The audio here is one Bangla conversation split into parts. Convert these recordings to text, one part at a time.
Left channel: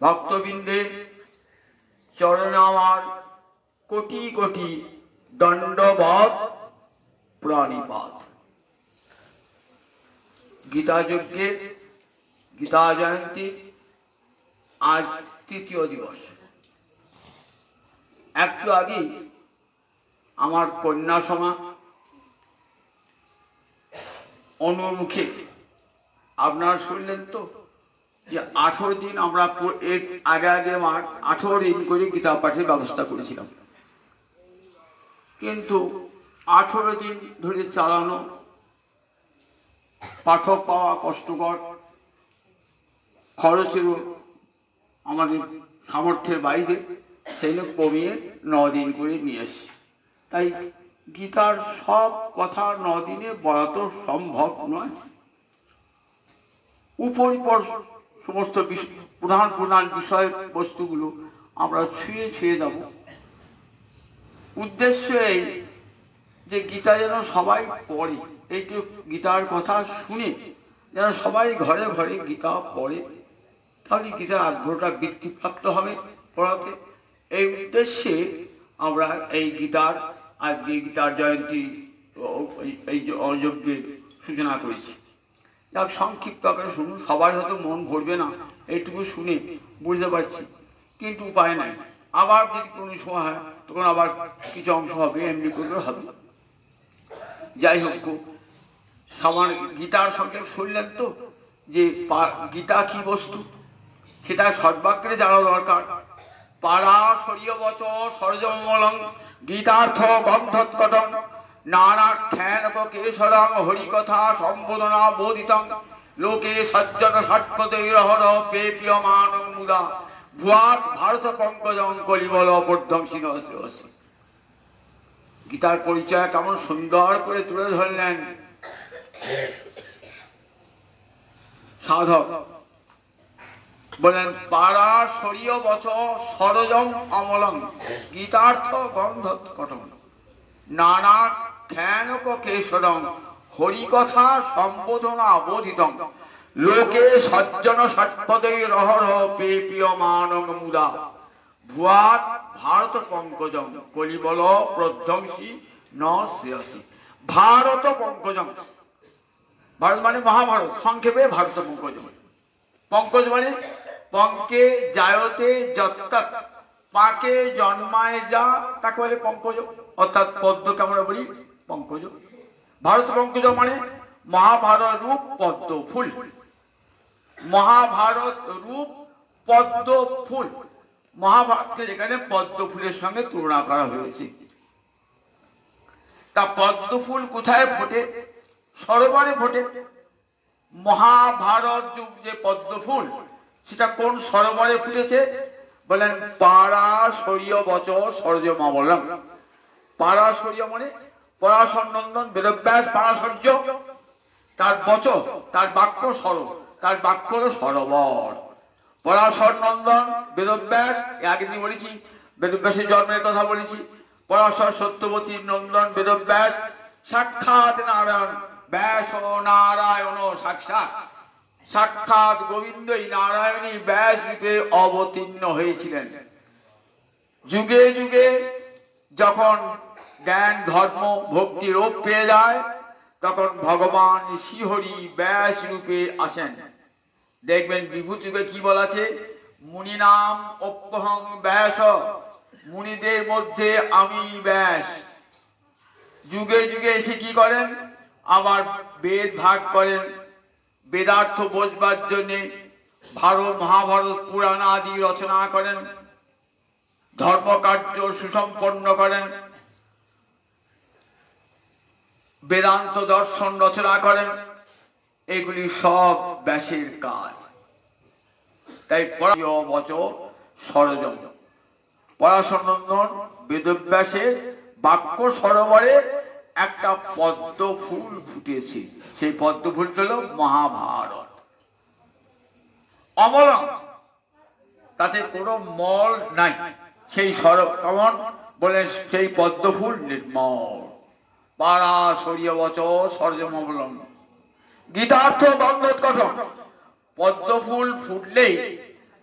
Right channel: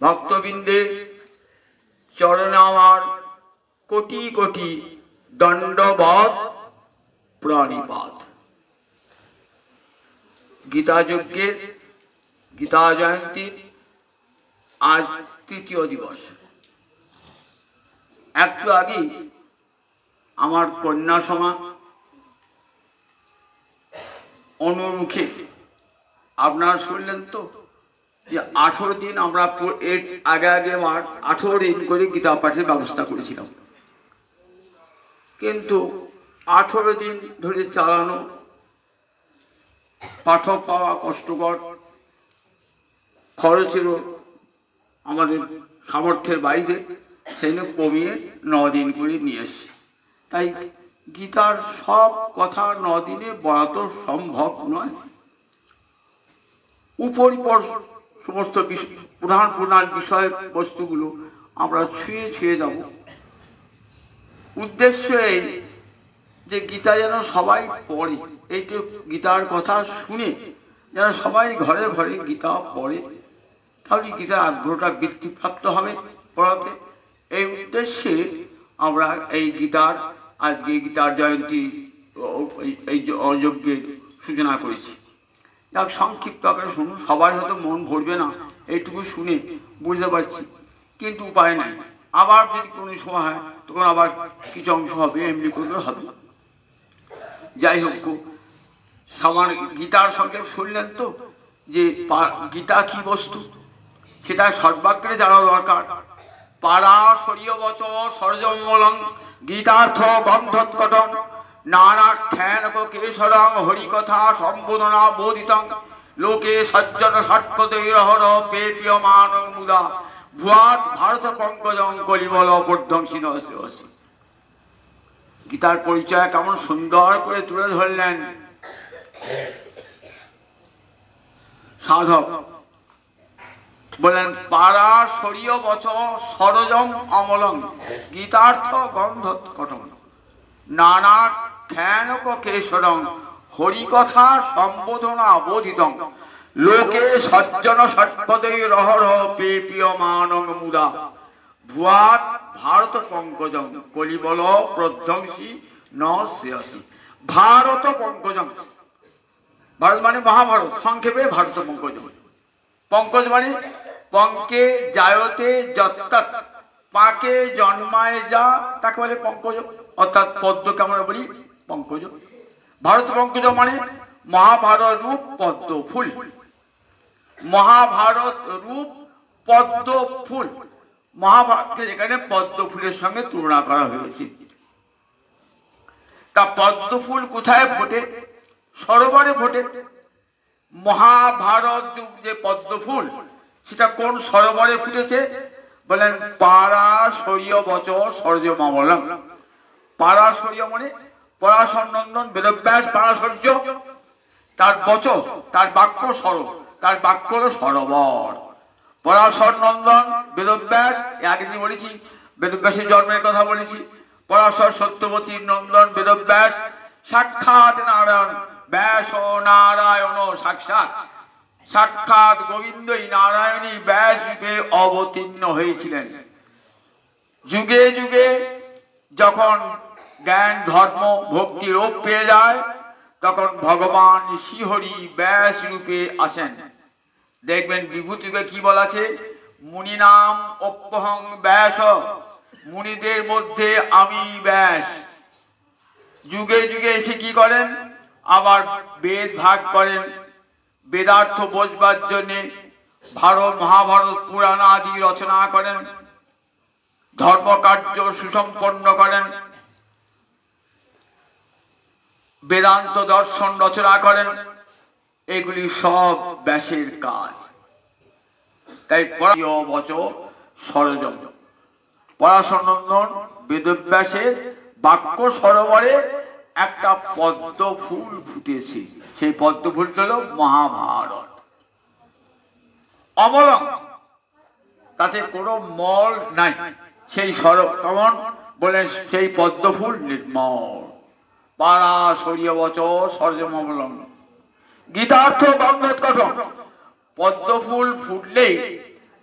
ভক্তবৃন্দের চরণে আমার কোটি কোটি দণ্ডবৎ প্রণিপাত। গীতা যজ্ঞের গীতা জয়ন্তীর আজ তৃতীয় দিবস। একটু আগে আমার কন্যা সমা অনুমুখে আপনারা শুনলেন তো যে 18 দিন আমরা এর আগে 18 দিন করে গীতা পাঠের ব্যবস্থা করেছিলাম, কিন্তু 18 দিন ধরে চালানো পাঠক পাওয়া কষ্টকর, খরচেরও আমাদের সামর্থ্যের বাইরে, সেই কমিয়ে 9 দিন করে নিয়ে এসছি। তাই গীতার সব কথা 9 দিনে বলা তো সম্ভব নয়। উপরিপর সমস্ত প্রধান প্রধান বিষয় বস্তুগুলো আমরা ছুঁয়ে ছুঁয়ে যাব। উদ্দেশ্য এই যে গীতা যেন সবাই পড়ে, এইটু গীতার কথা শুনে যেন সবাই ঘরে ঘরে গীতা পড়ে, তাহলে গীতার আগ্রহটা বৃদ্ধিপ্রাপ্ত হবে পড়াতে। এই উদ্দেশ্যে আমরা এই গীতার আজকে গীতার জয়ন্তী এই যজ্ঞের সূচনা করেছি। যাক, সংক্ষিপ্ত আকারে শুনুন, সবার হয়তো মন ভরবে না, এইটুকু শুনে বুঝতে পারছি, কিন্তু উপায় নাই। আবার যদি কোনো সময় হয় তখন আবার কিছু অংশ হবে, এমনি করে হবে। যাই হোক, সামান্য গীতার সংক্ষেপ শুনলেন তো যে গীতা কি বস্তু, সেটা সর্বাগ্রে জানা দরকার। পারাশরীয় বচ সরজমূলং গীতার্থ গন্ধৎকটং নানাখ্যান কেশরং হরিকথা সম্বোধনা বোধিতং লোকে সজ্জন ষটপতৈরহর পেপীয়মানং মুদা ভুয়াৎ ভারত পঙ্কজং কলিবল বর্ধংসিন। গীতার পরিচয় কেমন সুন্দর করে তুলে ধরলেন সাধক। বলেন পারাশরীয় বচ সরজম অমলং গীতার্থ গন্ধৎকটং নানা খ্যানক কেশরং হরিকথা সম্বোধনা বোধিতং লোকে সজ্জন ষটপতৈরহর পেপীয়মানং মুদা ভুয়াৎ ভারত পঙ্কজং কলিবল প্রধ্বংসী ন শ্রেয়সী। ভারত পঙ্কজং, ভারত মানে মহাভারত, সংক্ষেপে ভারত পঙ্কজং। পঙ্কজ মানে পঙ্কে জায়তে যত্তৎ, পাকে জন্মায় যা তাকে বলে পঙ্কজ, অর্থাৎ পদ্মকে আমরা বলি পঙ্কজ। ভারত পঙ্কজ মানে মহাভারত রূপ পদ্ম ফুল, মহাভারত রূপ পদ্ম ফুল। মহাভারতকে যেখানে পদ্ম ফুলের সঙ্গে তুলনা করা হয়েছে। তা পদ্ম ফুল কোথায় ফোটে? সরোবরে ফোটে। মহাভারত যুগ যে পদ্ম ফুল, সেটা কোন সরোবরে ফুটেছে? বলেন পারাশরীয় বচ সরজমমলং। পারাশরীয় মানে পরাশর নন্দন বেদব্যাস পারাশর্য, তার বচ, তার বাক্য সরব, তার বাক্য হল সরোবর। পরাশর নন্দন বেদব্যাস, আগে দিন বলেছি, বেদব্যাসের জন্মের কথা বলেছি। পরাশর সত্যবতীর নন্দন বেদব্যাস, সাক্ষাৎ নারায়ণ ব্যাস নারায়ণ, সাক্ষাৎ সাক্ষাৎ গোবিন্দই নারায়ণী ব্যাস রূপে অবতীর্ণ হয়েছিলেন। যুগে যুগে যখন জ্ঞান ধর্ম ভক্তি রূপ পেয়ে যায়, তখন ভগবান শ্রীহরি ব্যাস রূপে আসেন। দেখবেন বিভূতিকে কি বলা আছে? মুনি নাম অপ্যহং ব্যাস, মুনিদের মধ্যে আমি ব্যাস। যুগে যুগে এসে কি করেন? আবার বেদ ভাগ করেন, বেদার্থ বোঝবার জন্যে ভারত মহাভারত পুরাণ আদি রচনা করেন, ধর্মকার্য সুসম্পন্ন করেন, বেদান্ত দর্শন রচনা করেন। এগুলি সব ব্যাসের কাজ। তাই বচ সরজম, পরাশর নন্দন বেদব্যাসের বাক্য সরোবরে একটা পদ্ম ফুল ফুটেছে। সেই পদ্ম ফুল হল মহাভারত। অমলং, তাতে কোনো মল নাই। সেই কেমন বলে? সেই পদ্ম ফুল নির্মল। পারাশরীয় বচ সরজমমলং গীতার্থ গন্ধৎকটং। পদ্ম ফুল ফুটলেই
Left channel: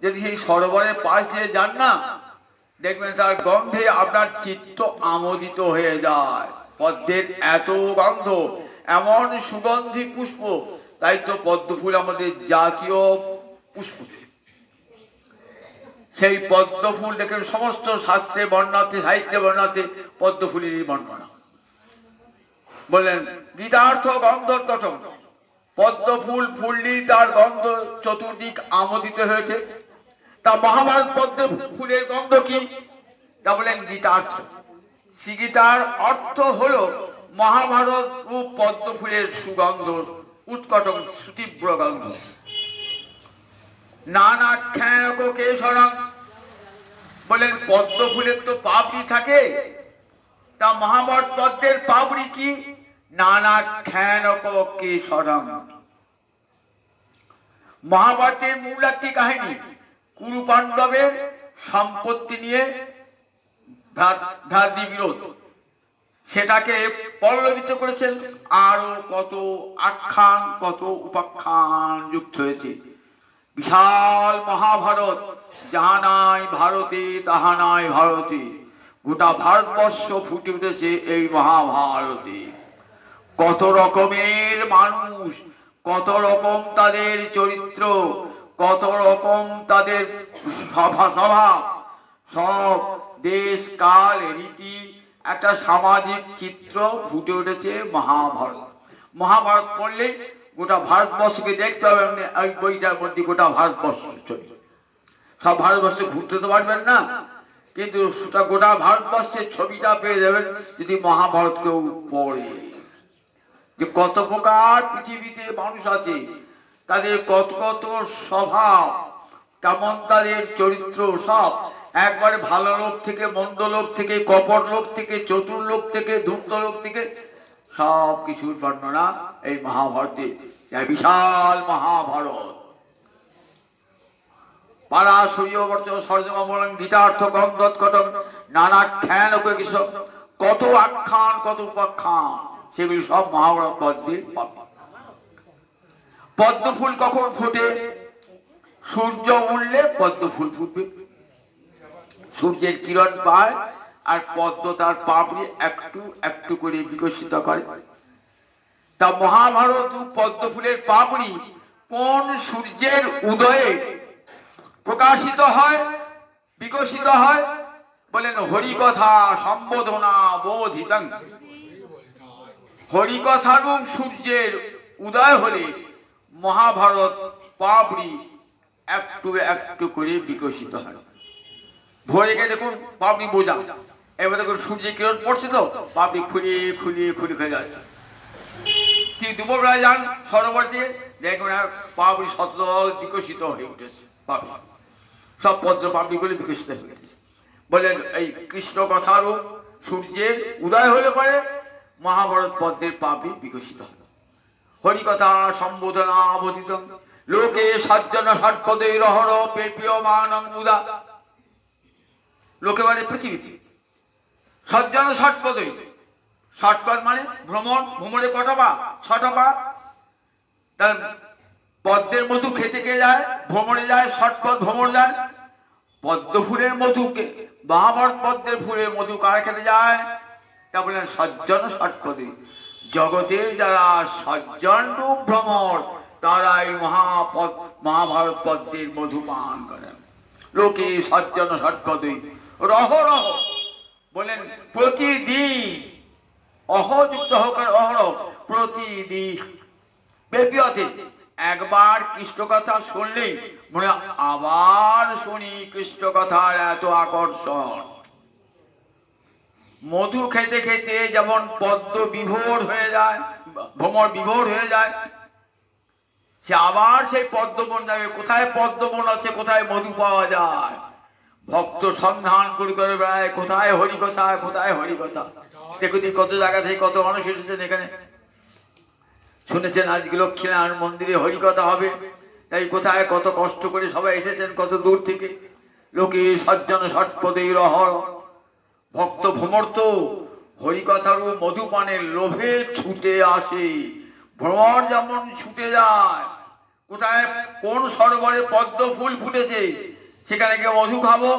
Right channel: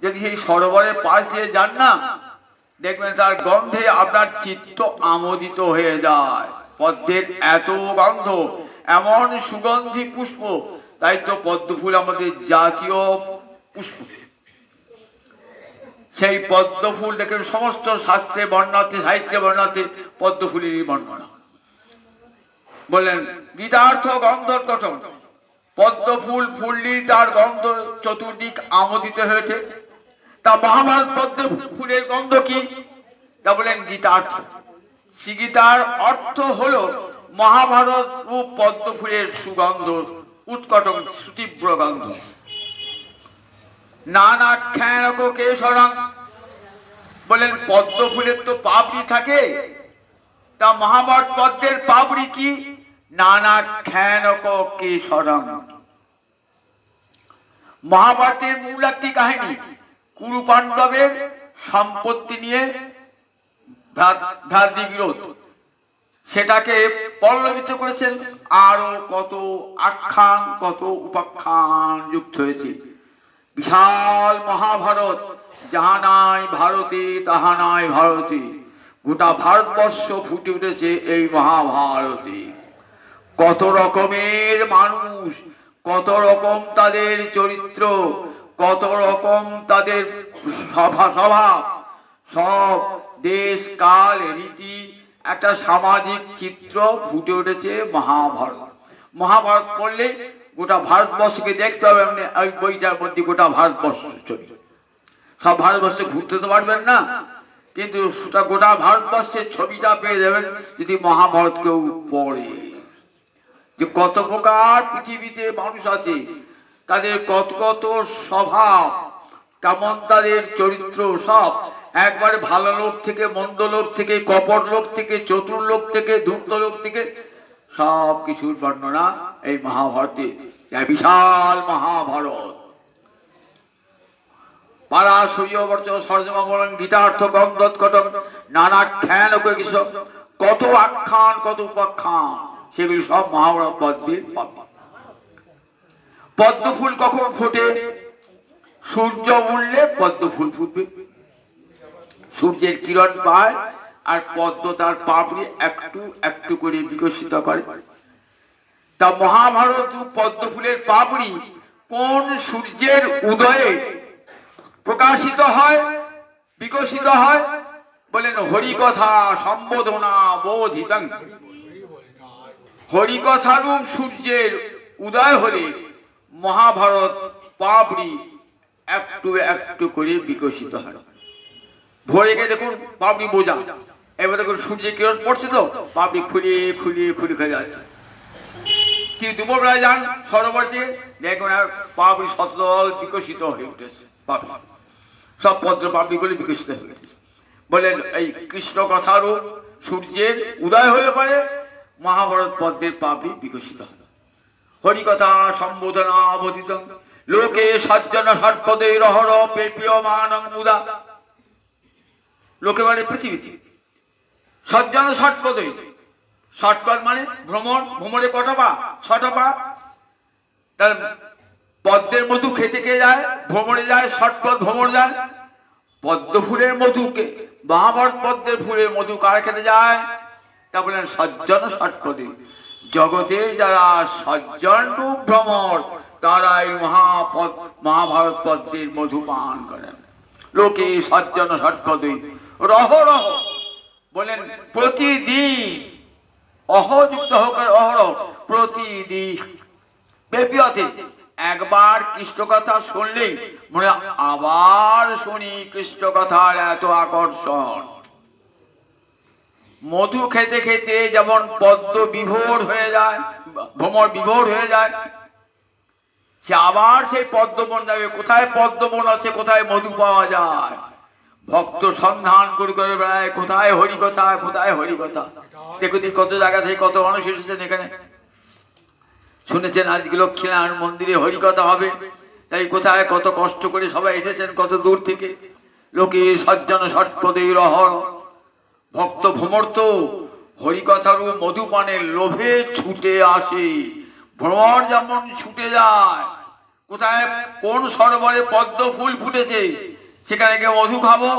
যদি সেই সরোবরের পাশ দিয়ে যান না, দেখবেন তার গন্ধে আপনার চিত্ত আমোদিত হয়ে যায়। পদ্মের এত গন্ধ, এমন সুগন্ধি পুষ্প, তাই তো পদ্ম ফুল আমাদের জাতীয় পুষ্প। সেই পদ্ম ফুল দেখেন সমস্ত শাস্ত্রে বর্ণাতে, সাহিত্যে বর্ণাতে পদ্ম ফুলেরই বর্ণনা। বললেন গীতার্থ গন্ধর গঠন, পদ্ম ফুল ফুললি তার গন্ধ চতুর্দিক আমোদিত হয়েছে। তা মহাভারত পদ্ম ফুলের গন্ধ কি? তা বলেন গীতার্থ। শ্রী গীতার অর্থ হলো মহাভারত রূপ পদ্ম ফুলের সুগন্ধ, উৎকটং সুতীব্র গন্ধ। নানাখ্যানক কেশরং, বলেন পদ্ম ফুলের তো পাপড়ি থাকে, তা মহাভারত পদ্মের পাপড়ি কি? নানাখ্যানক কেশরং। মহাভারতের মূল একটি কাহিনী, কুরু পাণ্ডবের সম্পত্তি নিয়ে ভ্রাতৃবিরোধ, সেটাকে পল্লবিত করেছেন। আরো কত আখ্যান, কত উপাখ্যান যুক্ত হয়েছে। বিশাল মহাভারত, যাহা নাই ভারতে তাহা নাই ভারতে, গোটা ভারতবর্ষ ফুটে উঠেছে এই মহাভারতে। কত রকমের মানুষ, কত রকম তাদের চরিত্র, কত রকম তাদের স্বভাব, সব দেশ কাল রীতি, একটা সামাজিক চিত্র ফুটে উঠেছে মহাভারত। মহাভারত পড়লে গোটা ভারতবর্ষকে দেখতে হবে। আপনি ওই বইটার মধ্যে গোটা ভারতবর্ষ ছবি, সব ভারতবর্ষে ঘুরতে তো পারবেন না, কিন্তু গোটা ভারতবর্ষের ছবিটা পেয়ে যাবেন যদি মহাভারত কেউ পড়ে। যে কত প্রকার পৃথিবীতে মানুষ আছে, তাদের কত কত স্বভাব, কেমন তাদের চরিত্র, সব একবারে ভালো লোক থেকে, মন্দ লোক থেকে, কপট লোক থেকে, চতুর লোক থেকে, ধূর্ত লোক থেকে, সব কিছুর বর্ণনা এই মহাভারতে। বিশাল মহাভারত। পারাশরীয় বর্চ সরজমা বলেন গীতার্থ গন্ধোৎকটং নানাখ্যান কিসব, কত আখ্যান, কত উপাখ্যান, সেগুলি সব মহাভারত পদ্মে পাবে। পদ্ম ফুল কখন ফোটে? সূর্য উঠলে পদ্ম ফুল ফুটবে। সূর্যের কিরণ পায় আর পদ্ম তার পাপড়ি একটু একটু করে বিকশিত করে। তা মহাভারত পদ্ম ফুলের পাপড়ি কোন সূর্যের উদয়ে প্রকাশিত হয়, বিকশিত হয়? বলেন হরিকথা সম্বোধনা বোধিতং। হরিকথা রূপ সূর্যের উদয় হলে মহাভারত পাপড়ি একটু একটু করে বিকশিত হয়। ভোরে গিয়ে দেখুন পাপড়ি বোঝা, এবার দেখুন সূর্যের কিরণ পড়ছে তো পাপড়ি খুলিয়ে খুলিয়ে খুলে খেয়ে যাচ্ছে। কিন্তু দুপুরবেলা যান সরোবরে, দেখুন আর পাপড়ি সতল বিকশিত হয়ে উঠেছে, পাপড়ি সব পদ্ম পাপড়ি গুলি বিকশিত হয়ে গেছে। বলেন এই কৃষ্ণ কথারও সূর্যের উদয় হলে পরে মহাভারত পদ্মের পাপড়ি বিকশিত হবে। হরিকথা সম্বোধনা অবধিতং লোকে সজ্জন সর্পদৈ রহর পেপীয়মানং মুদা। লোকে মানে পৃথিবীতে সজ্জন ষটপদৈ, ষটপদ মানে ভ্রমণ, ভ্রমণে কটা পা? 6টা পা। তার পদ্মের মধু খেতে কে যায়? ভ্রমণে যায়, ষটপদ ভ্রমণ যায়। পদ্ম ফুলের মধুকে, মহাভারত পদ্মের ফুলের মধু কারা খেতে যায়? তা বলেন সজ্জন ষটপদে। জগতের যারা সজ্জন রূপ ভ্রমর, তারা এই মহাভারত পদ্মের মধু পান করেন। লোকে সজ্জন ষটপদে রহ রহ, বলেন প্রতিদিন, অহযুক্ত হোক অহরহ, প্রতিদিন ব্যাপীয়তে একবার কৃষ্ণ কথা শুনলে মনে আবার শুনি কৃষ্ণ কথার এত আকর্ষণ। মধু খেতে খেতে যেমন পদ্ম বিভোর হয়ে যায়, ভ্রমর বিভোর হয়ে যায়, সে আবার সেই পদ্মবন যাবে। কোথায় পদ্মবন আছে, কোথায় মধু পাওয়া যায়, ভক্ত সন্ধান করে করে বেড়ায়, কোথায় হরিকথা, কোথায় হরিকথা। দেখুন কত জায়গা থেকে কত মানুষ এসেছেন এখানে, শুনেছেন আজকে লক্ষ্মীনারায়ণ মন্দিরে হরিকথা হবে, তাই কোথায় কত কষ্ট করে সবাই এসেছেন কত দূর থেকে। লোকে সজ্জন ষটপদে রহর, ভক্ত ভ্রমর তো হরিকথারও মধুপানের লোভে ছুটে আসে। ভ্রমর যেমন ছুটে যায় কোথায় কোন সরোবরে পদ্ম ফুল ফুটেছে সেখানে গিয়ে মধু খাবো,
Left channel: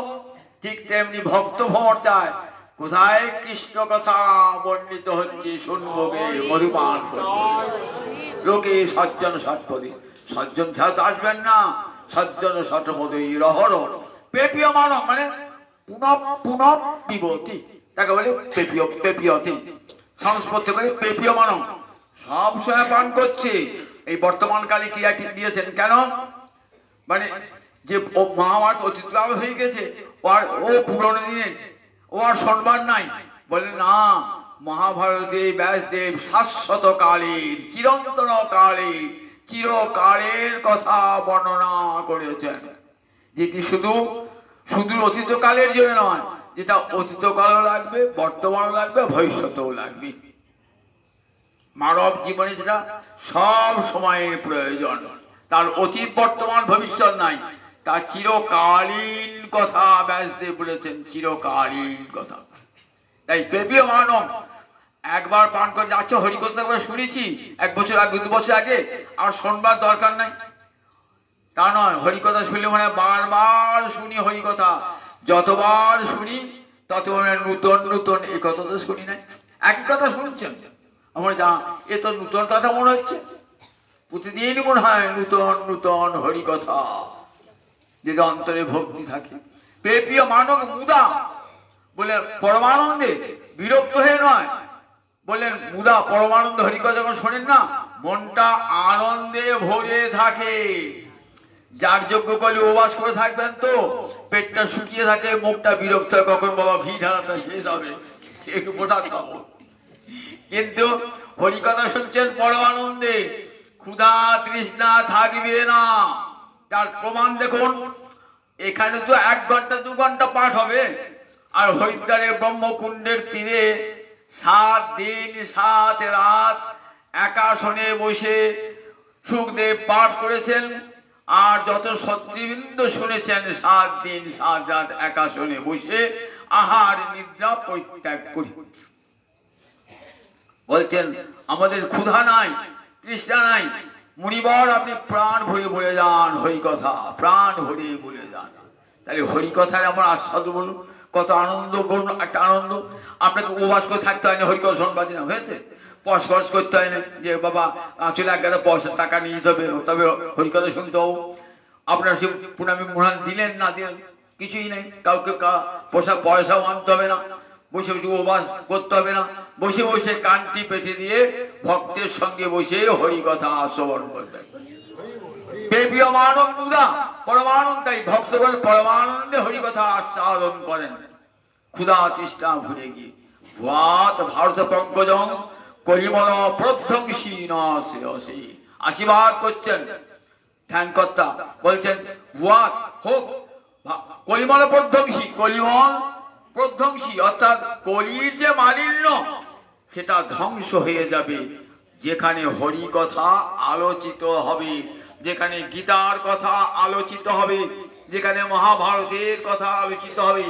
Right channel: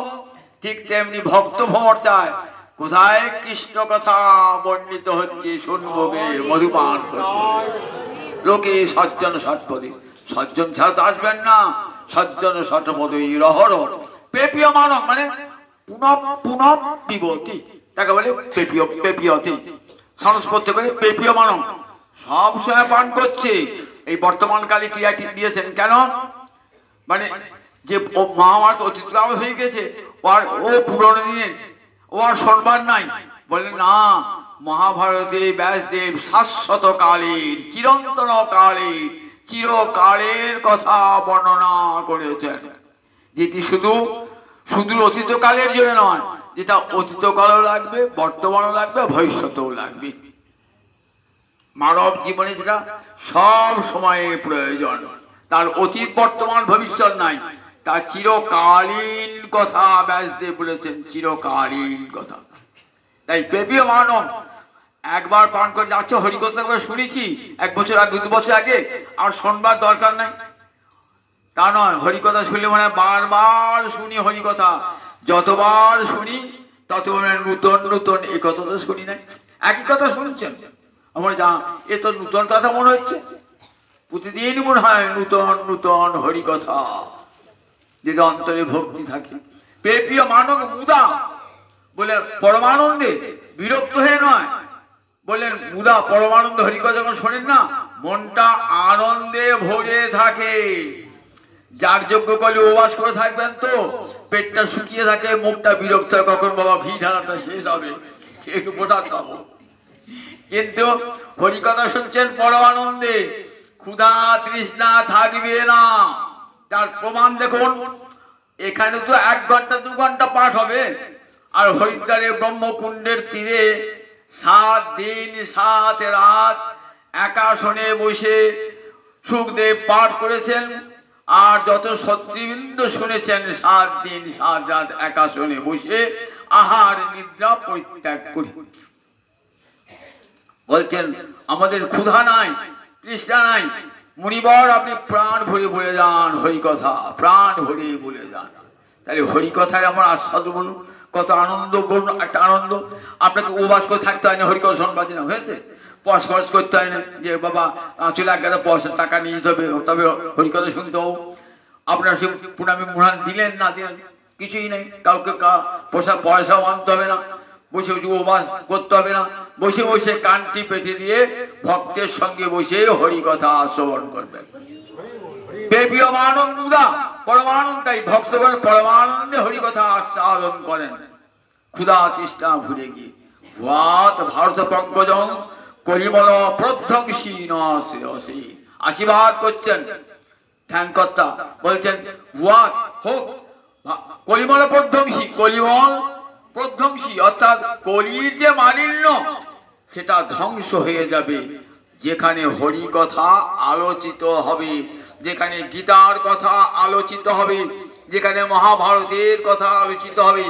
ঠিক তেমনি ভক্ত ভ্রমর চায় কোথায় কৃষ্ণ কথা বর্ণিত হচ্ছে শুনবো গে, মধুপান করবো। লোকে সজ্জন ষটপদী, সজ্জন ছাড়া তো আসবেন না। সজ্জন ষটপদী রহর পেপীয় মানব, মানে পুনঃ পুনঃ পিবতি, তাকে বলে পেপীয়, পেপীয়তি সংস্পর্শ করে পেপীয় মানব সব সময় পান করছে। এই বর্তমান কালে ক্রিয়াটি দিয়েছেন কেন, মানে যে মহাভারত অতীতকাল হয়ে গেছে, ও পুরনো দিনে ও আর শোনবার নাই। বলে না, মহাভারতের ব্যাসদেব শাশ্বত কালের, চিরন্তন কালের, চিরকালের কথা বর্ণনা করেছেন, যেটি শুধু শুধু অতীতকালের জন্য নয়, যেটা অতীতকালও লাগবে, বর্তমানও লাগবে, ভবিষ্যতেও লাগবে। মানব জীবনে সেটা সব সময়ে প্রয়োজন। তার অতীত বর্তমান ভবিষ্যৎ নাই, তার চিরকালীন কথা ব্যাসদেব বলেছেন, চিরকালীন কথা। তাই পেপীয় মানব একবার পান করে যাচ্ছে, হরিকথা করে শুনেছি 1 বছর আগে, 2 বছর আগে, আর শোনবার দরকার নাই তা নয়। হরিকথা শুনলে মানে বারবার শুনি হরিকথা, যতবার শুনি ততবার নূতন নূতন এই কথা তো শুনি নাই, একই কথা শুনছেন। আমার যা এ তো নূতন কথা মনে হচ্ছে, প্রতিদিন মনে হয় নূতন নূতন হরিকথা, যে অন্তরে ভক্তি থাকে। পেপীয় মানব মুদা বলে পরমানন্দে, বিরক্ত হয়ে নয়, বললেন মুদা পরমানন্দ হরিকথা যখন শোনেন না, মনটা আনন্দে ভরে থাকে। যাগযজ্ঞ করলে উপবাস করে থাকবেন তো পেটটা শুকিয়ে থাকে, মুখটা বিরক্ত হয়, কখন বাবা ঘি ঢালাটা শেষ হবে, একটু মোটা খাবো। কিন্তু হরিকথা শুনছেন পরমানন্দে, ক্ষুধা তৃষ্ণা থাকবে না। তার প্রমাণ দেখুন, এখানে তো 1 ঘন্টা 2 ঘন্টা পাঠ হবে, আর হরিদ্বারে ব্রহ্মকুণ্ডের তীরে 7 দিন 7 রাত একাসনে বসে সুখদেব পাঠ করেছেন। আর যত সত্রীবৃন্দ শুনেছেন 7 দিন 7 রাত একাসনে বসে আহার নিদ্রা পরিত্যাগ করে বলছেন আমাদের ক্ষুধা নাই, তৃষ্ণা নাই, মুনিবর আপনি প্রাণ ভরে বলে যান হরিকথা, প্রাণ ভরে বলে যান। তাহলে হরিকথার আমার আস্বাদ বলুন, কত আনন্দ বলুন, একটা আনন্দ। আপনাকে উপবাস করে থাকতে হয় না হরিকথা শোনবার জন্য, হয়েছে? পয়সা খরচ করতে হয় না যে বাবা চলে এক গাদা পয়সা টাকা নিয়ে যেতে হবে, তবে হরিকথা শুনতে হবে। আপনার সে প্রণামী মুড়ান দিলেন না দিলেন কিছুই নেই, কাউকে পয়সাও আনতে হবে না, বসে বসে উপবাস করতে হবে না, বসে বসে কানটি পেতে দিয়ে ভক্তের সঙ্গে বসে হরিকথা শ্রবণ করবেন। পেপীয় মানব মুদা পরমানন্দ, তাই ভক্তগণ পরমানন্দে হরিকথা আস্বাদন করেন, ক্ষুধা তৃষ্ণা ভুলে গিয়ে। ভারত পঙ্কজং কলিমল প্রধ্বংসী নশ্রেয়সী, আশীর্বাদ করছেন ধ্যানকর্তা, বলছেন ভুয়াত হোক কলিমল প্রধ্বংসী, কলিমল প্রধ্বংসী অর্থাৎ কলির যে মালিন্য সেটা ধ্বংস হয়ে যাবে যেখানে হরি কথা আলোচিত হবে, যেখানে গীতার কথা আলোচিত হবে, যেখানে মহাভারতের কথা আলোচিত হবে।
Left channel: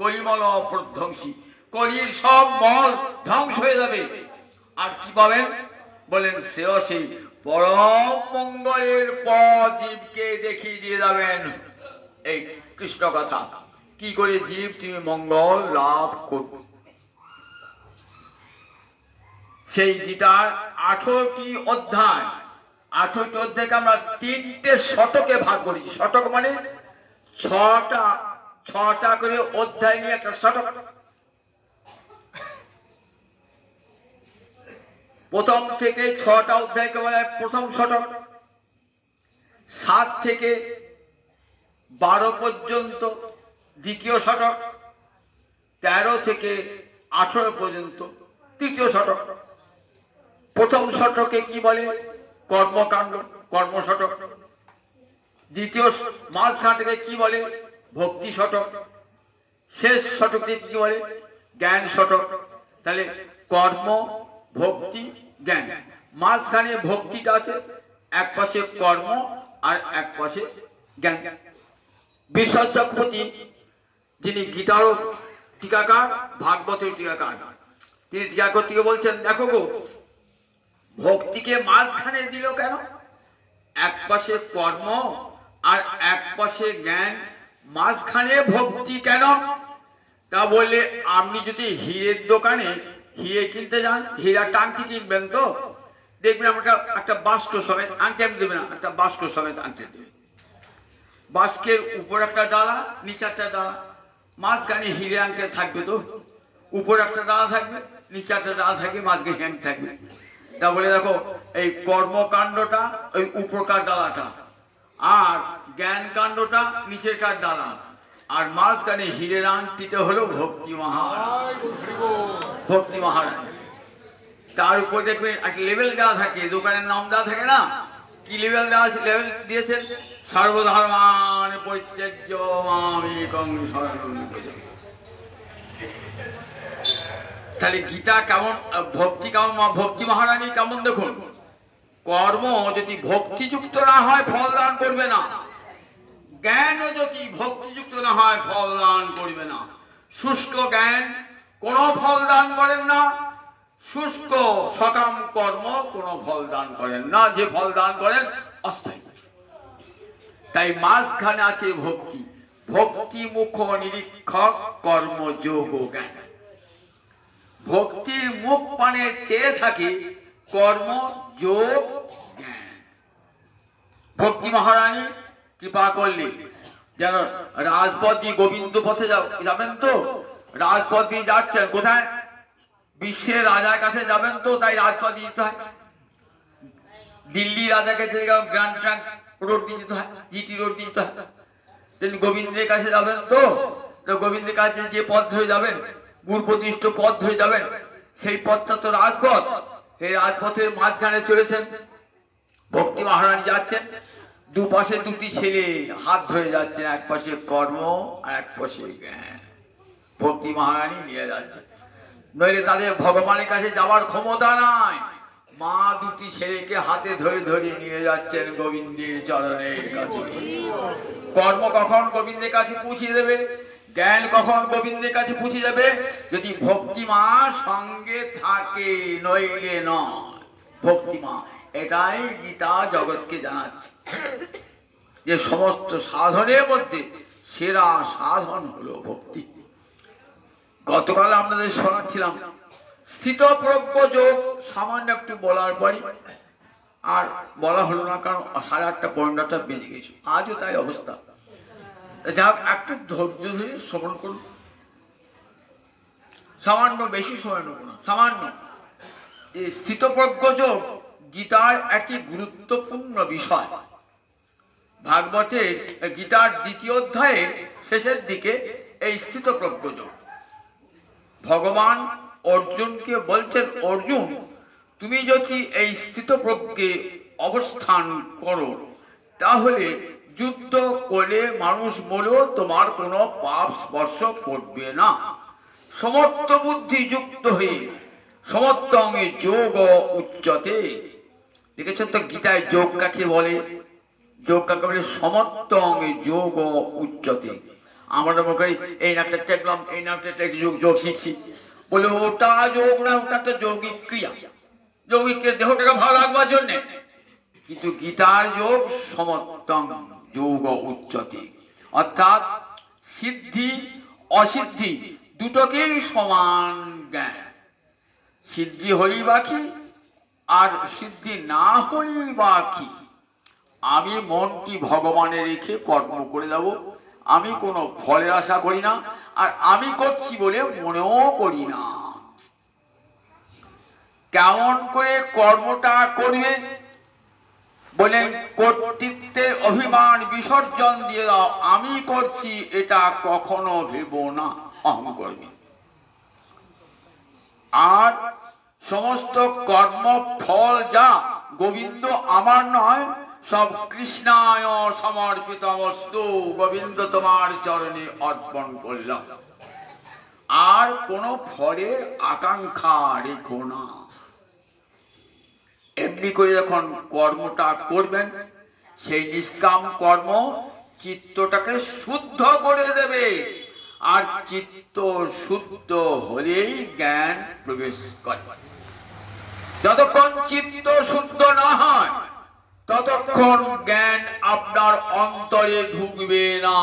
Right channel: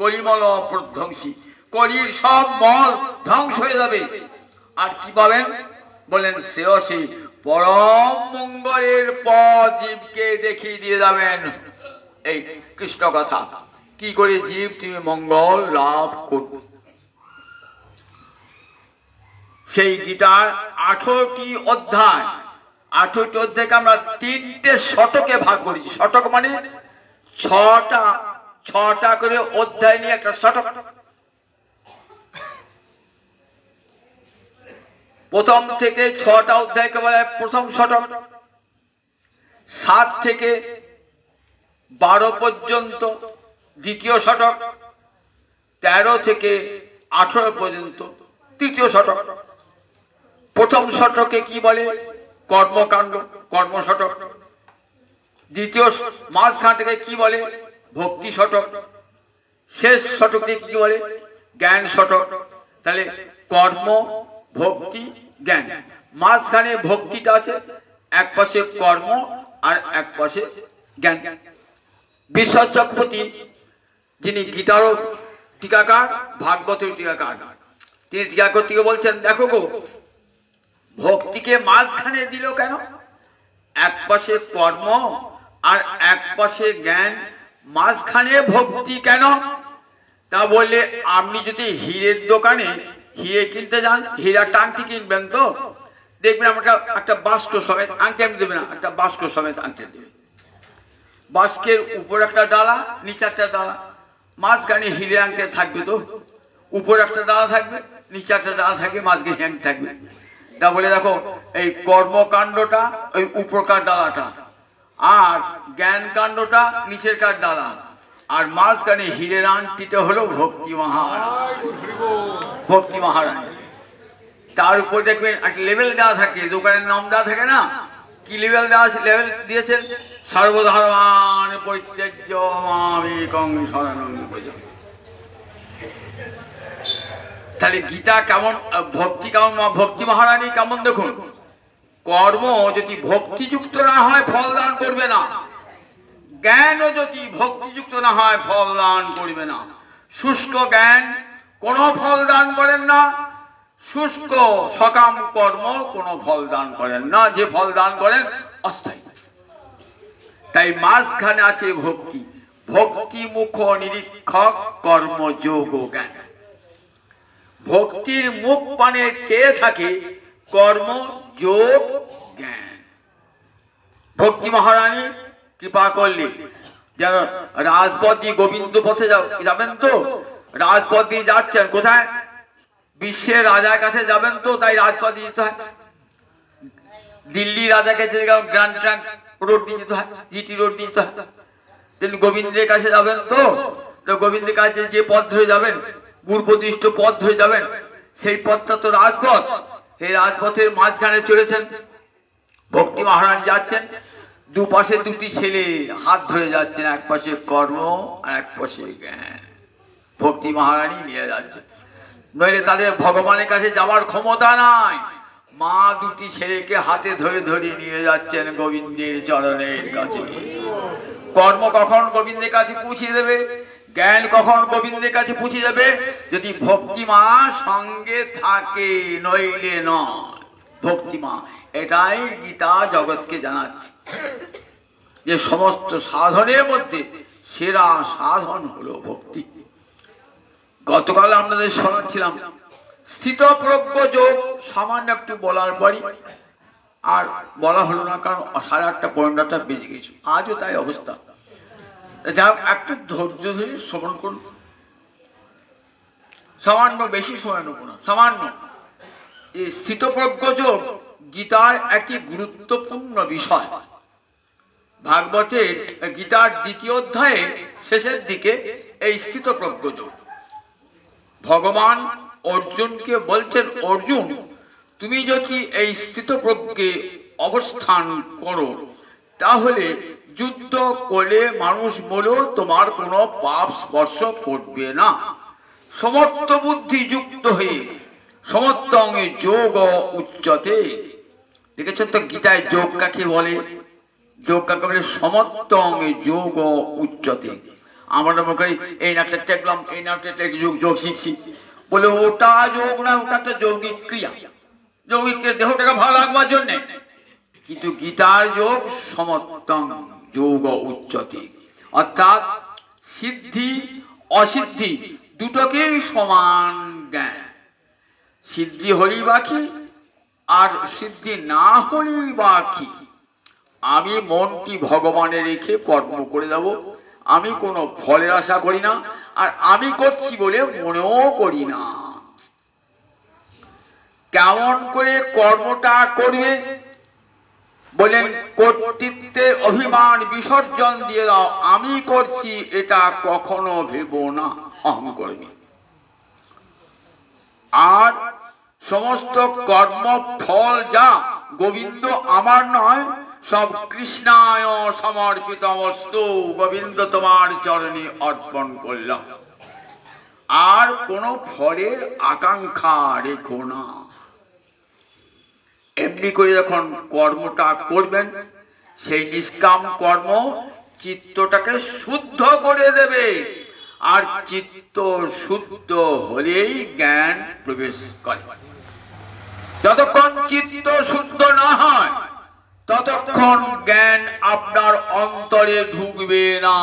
কলিমল প্রধ্বংসী, কলির সব মল ধ্বংস হয়ে যাবে। আর কি পাবেন বলেন, শ্রেয়সী পরম মঙ্গলের পথ জীবকে দেখিয়ে দিয়ে যাবেন। এই কৃষ্ণ কথা কি করে জীব তুমি মঙ্গল লাভ করবে, সেই গীতার 18টি অধ্যায়, 18টি অধ্যায়কে আমরা 3টে শতকে ভাগ করেছি। শতক মানে 6টা করে অধ্যায় নিয়ে একটা শতক। প্রথম থেকে 6টা অধ্যায়কে বলা হয় প্রথম শতক, 7 থেকে 12 পর্যন্ত দ্বিতীয় শতক, 13 থেকে 18 পর্যন্ত তৃতীয় শতক। প্রথম শতকে কি বলে কর্মকাণ্ড, কর্ম শতক। দ্বিতীয় মাঝখানটাকে কি বলে ভক্তি শতক। শেষ শতকে কি বলে জ্ঞান শতক। তাহলে কর্ম, ভক্তি, জ্ঞান, মাঝখানে ভক্তিটা আছে, এক পাশে কর্ম আর এক পাশে জ্ঞান। বিশ্বনাথ চক্রবর্তী যিনি গীতারও টিকাকার, ভাগবতের টিকাকার, তিনি টিকা করতে বলছেন দেখো গো ভক্তিকে মাঝখানে দিল কেন, এক পাশে কর্ম আর এক পাশে জ্ঞান, মাঝখানে ভক্তি কেন? তা বললে আপনি যদি হীরের দোকানে হিরে কিনতে যান, হীরা টাংটি কিনবেন তো দেখবেন আমরা একটা বাস্ক সমেত আংটি আমি দেবে না, একটা বাস্ক সমেত আংটি দেবে। বাস্কের উপর একটা ডালা, নিচে একটা ডালা, মাঝখানে হিরে আংটি থাকবে তো, উপর একটা ডালা থাকবে, নিচে একটা ডালা থাকবে, মাঝখানে হ্যাং থাকবে। তা বলে দেখো এই কর্মকাণ্ডটা ওই উপরকার ডালাটা, আর জ্ঞান কাণ্ডটা নিচের কার ডালা, আর মাঝখানে হীরের আংটিটা হলো ভক্তি মহারানী। ভক্তি মহারানী তার উপর দেখবেন একটা লেভেল দেওয়া থাকে, দোকানের নাম দেওয়া থাকে না, কি লেভেল দেওয়া আছে? লেভেল দিয়েছেন সর্বধর্মান পরিত্যাজ্য মামেকং শরণং ব্রজ। তাহলে গীতা কেমন, ভক্তি কেমন, ভক্তি মহারানী কেমন দেখুন। কর্ম যদি ভক্তিযুক্ত না হয় ফল দান করবে না, জ্ঞানও যদি ভক্তিযুক্ত না হয় ফল দান করবে না। শুষ্ক জ্ঞান কোনো ফল দান করেন না, শুষ্ক সকাম কর্ম কোনো ফল দান করেন না, যে ফল দান করেন অস্থায়ী। তাই মাঝখানে আছে ভক্তি, ভক্তি মুখ নিরীক্ষক কর্মযোগ জ্ঞান। ভক্তির মুখ পানে চেয়ে থাকে কর্ম যোগ জ্ঞান। ভক্তি মহারানী কৃপা করলে যেন রাজপথ দিয়ে গোবিন্দ পথে যাবেন তো, রাজপথ দিয়ে যাচ্ছেন কোথায়? বিশ্বের রাজার কাছে যাবেন তো, তাই রাজপথ দিয়ে যেতে হয়। দিল্লি রাজাকে গ্র্যান্ড ট্রাঙ্ক রোড দিয়ে যেতে হয়, জিটি রোড দিয়ে যেতে হয়। তিনি গোবিন্দের কাছে যাবেন তো, গোবিন্দের কাছে যে পথ ধরে যাবেন, গুরু প্রতিষ্ঠ পথ ধরে যাবেন, সেই পথটা তো রাজপথ। এই রাজপথের মাঝখানে চলেছেন ভক্তি মহারানী, যাচ্ছেন দুপাশে দুটি ছেলে হাত ধরে যাচ্ছেন, এক পাশে কর্ম আর এক পাশে জ্ঞান। ভক্তি মহারানী নিয়ে যাচ্ছেন, নইলে তাদের ভগবানের কাছে যাওয়ার ক্ষমতা নাই। মা দুটি ছেলেকে হাতে ধরে ধরে নিয়ে যাচ্ছেন গোবিন্দের চরণের কাছে। কর্ম কখন গোবিন্দের কাছে পৌঁছে দেবে, জ্ঞান কখন গোবিন্দের কাছে পৌঁছে যাবে? যদি ভক্তিমা সঙ্গে থাকে, নইলে নয়। ভক্তিমা, এটাই গীতা জগৎকে জানাচ্ছে যে সমস্ত সাধনের মধ্যে সেরা সাধন হলো ভক্তি। গতকাল আপনাদের শোনাচ্ছিলাম স্থিতপ্রজ্ঞ যোগ, সামান্য একটু বলার পরই আর বলা হলো না, কারণ 8:30 পয়েন্টটা বেজে গেছে। আজও তাই অবস্থা। যাক, একটু ধৈর্য ধরে শ্রবণ করুন, সামান্য, বেশি সময় নেব না, সামান্য। এই স্থিতপ্রজ্ঞ যোগ গীতার একটি গুরুত্বপূর্ণ বিষয়। ভাগবতের গীতার 2য় অধ্যায়ে শেষের দিকে এই স্থিতপ্রজ্ঞ যোগ ভগবান অর্জুনকে বলছেন, অর্জুন তুমি যদি এই স্থিতপ্রজ্ঞে অবস্থান করো তাহলে যুদ্ধ করে মানুষ বলেও তোমার কোনো পাপ স্পর্শ করবে না। সমর্থ বুদ্ধি যুক্ত হয়ে সমর্থ অঙ্গে যোগ উচ্চতে। দেখেছেন তো গীতায় যোগ কাকে বলে? যোগ কাকে বলে? সমর্থ অঙ্গে যোগ উচ্চতে। আমরা মনে করি এই নামটা টেকলাম, এই নামটা যোগ শিখছি বলে ওটা যোগ না, ওটা একটা যৌগিক ক্রিয়া, যৌগিক দেহটাকে ভালো লাগবার জন্যে। কিন্তু গীতার যোগ সমর্থং যোগ উচ্চতে, অর্থাৎ সিদ্ধি অসিদ্ধি দুটোকেই সমান জ্ঞান। সিদ্ধি হলেই বাকি আর সিদ্ধি না হলেই বাকি। আমি মনটি ভগবানে রেখে কর্ম করে যাব, আমি কোনো ফলের আশা করি না, আর আমি করছি বলে মনেও করি না। কেমন করে কর্মটা করবে বলেন? কর্তৃত্বের অভিমান বিসর্জন দিয়ে দাও, আমি করছি এটা কখনো ভেব না, অহং করবে। আর সমস্ত কর্ম ফল যা গোবিন্দ আমার নয়, সব কৃষ্ণায় সমর্পিত বস্তু, গোবিন্দ তোমার চরণে অর্পণ করলাম। আর কোন ফলের আকাঙ্ক্ষা রেখো না। এমনি করে যখন কর্মটা করবেন, সেই নিষ্কাম কর্ম চিত্তটাকে শুদ্ধ করে দেবে, আর চিত্ত শুদ্ধ হলেই জ্ঞান প্রবেশ করে। যতক্ষণ চিত্ত শুদ্ধ না হয় ততক্ষণ জ্ঞান আপনার অন্তরে ঢুকবে না।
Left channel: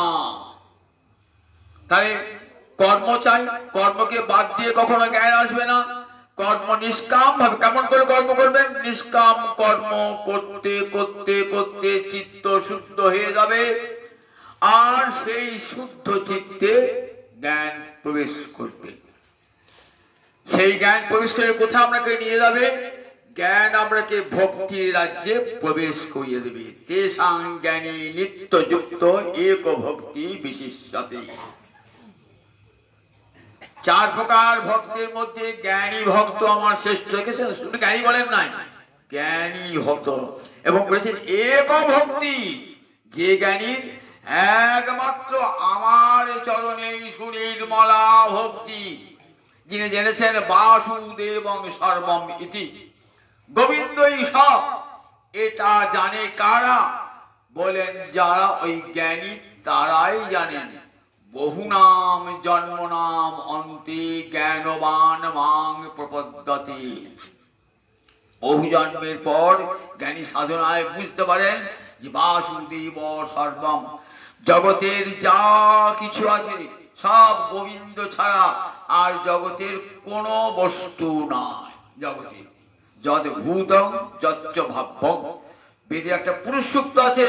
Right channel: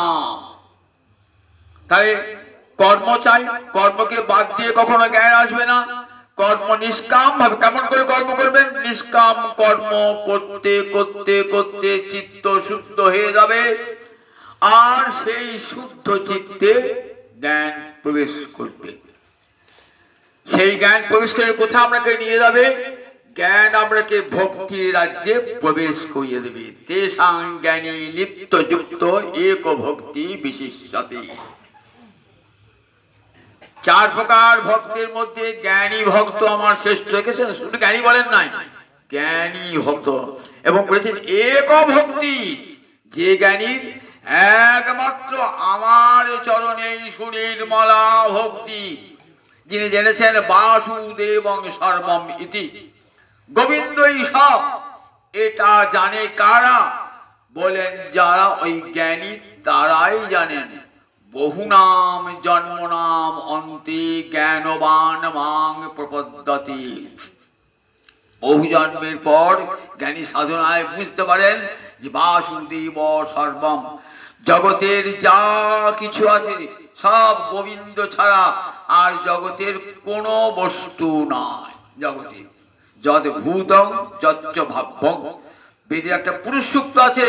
তাহলে কর্ম চাই, কর্মকে বাদ দিয়ে কখনো জ্ঞান আসবে না। কর্ম নিষ্কাম ভাবে, কেমন করে কর্ম করবেন? নিষ্কাম কর্ম করতে করতে করতে চিত্ত শুদ্ধ হয়ে যাবে, আর সেই শুদ্ধ চিত্তে জ্ঞান প্রবেশ করবে। সেই জ্ঞান প্রবেশ করে কোথায় আপনাকে নিয়ে যাবে? জ্ঞান আপনাকে ভক্তির রাজ্যে প্রবেশ করিয়ে দেবে। তেষাং জ্ঞানী নিত্যযুক্ত এক ভক্তি বিশিষ্যতে। 4 প্রকার ভক্তের মধ্যে জ্ঞানী ভক্ত আমার শ্রেষ্ঠ। দেখেছেন, শুধু জ্ঞানী বলেন নাই, জ্ঞানী ভক্ত। এবং বলেছেন এক ভক্তি, যে জ্ঞানী একমাত্র আমার চরণে সুনির্মলা ভক্তি, যিনি জেনেছেন বাসুদেবং সর্বম ইতি, গোবিন্দই সব। এটা জানে কারা? বলেন যারা ওই জ্ঞানী তারাই জানেন। বহু নাম জন্ম নাম অন্তে জ্ঞানবান মাং প্রপদ্যতে। বহু জন্মের পর জ্ঞানী সাধনায় বুঝতে পারেন যে বাসুদেব সর্বম, জগতের যা কিছু আছে সব গোবিন্দ ছাড়া আর জগতের কোনো বস্তু নাই। জগতে যদ ভূতং যচ্চ ভাব্যং, বেদে একটা পুরুষ সূক্ত আছে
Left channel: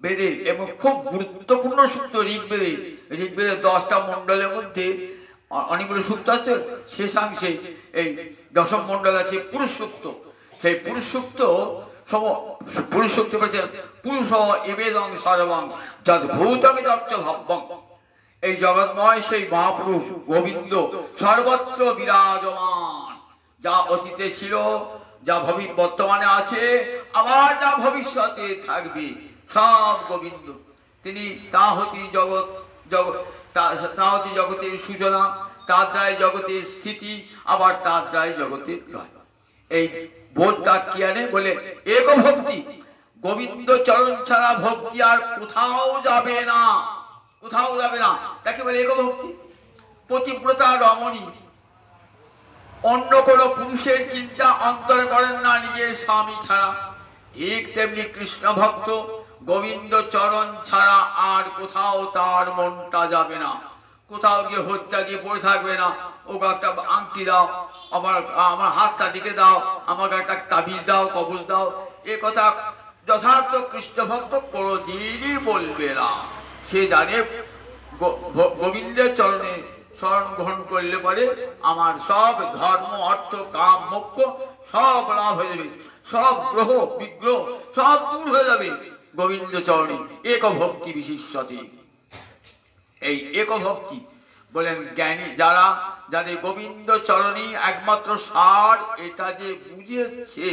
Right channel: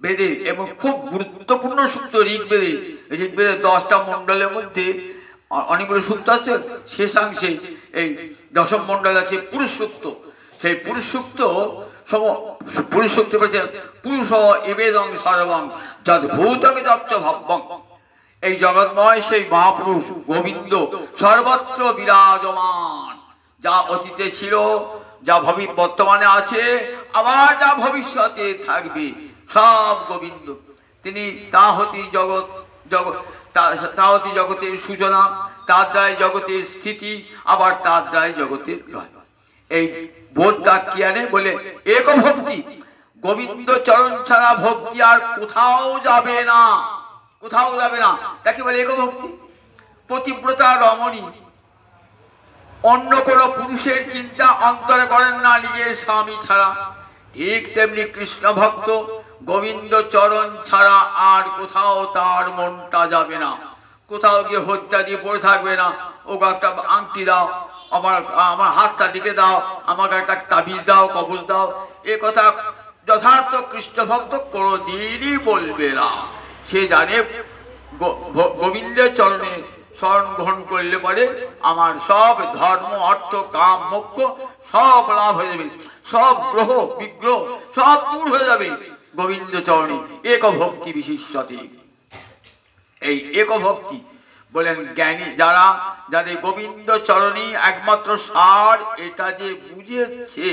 বেদে, এবং খুব গুরুত্বপূর্ণ সূক্ত ঋগ্বেদে। ঋগ্বেদের 10টা মন্ডলের মধ্যে অনেকগুলো সূক্ত আছে, শেষাংশে এই 10ম মন্ডল আছে পুরুষ সূক্ত। সেই পুরুষ সূক্ত পুরুষ সূক্ত বলছেন পুরুষ এবেদং সর্বং যদ ভূতং যচ্চ ভাব্যং। এই জগৎময় সেই মহাপুরুষ গোবিন্দ সর্বত্র বিরাজমান। যা অতীতে ছিল, যা বর্তমানে আছে, আবার যা ভবিষ্যতে থাকবে, সব গোবিন্দ। তিনি তা হতে জগতের সূচনা, তার দ্বারাই জগতের স্থিতি, আবার তার দ্বারাই জগতের লয়। এই বোধটা কি আনে? বলে এক ভক্তি, গোবিন্দ চরণ ছাড়া ভক্তি আর কোথাও যাবে না, কোথাও যাবে না। তাকে বলে এক ভক্তি। পতিব্রতা রমণী অন্য কোন পুরুষের চিন্তা অন্তরে করেন না নিজের স্বামী ছাড়া, ঠিক তেমনি কৃষ্ণ ভক্ত গোবিন্দ চরণ ছাড়া আর কোথাও তার মনটা যাবে না। কোথাও গিয়ে হত্যা দিয়ে পড়ে থাকবে না, ওকে একটা আংটি দাও, আমার হাতটা দিকে দাও, আমাকে একটা তাবিজ দাও, কবজ দাও, এ কথা যথার্থ কৃষ্ণ ভক্ত কোনদিনই বলবে না। সে জানে গোবিন্দের চরণে শরণ গ্রহণ করলে পরে আমার সব ধর্ম অর্থ কাম মোক্ষ সব লাভ হয়ে যাবে, সব গ্রহ বিগ্রহ সব দূর হয়ে যাবে গোবিন্দ চরণে। এক ভক্তি বিশিষ্যতে। এই এক ভক্তি বলেন জ্ঞানী যারা, যাদের গোবিন্দ চরণী একমাত্র সার, এটা যে বুঝেছে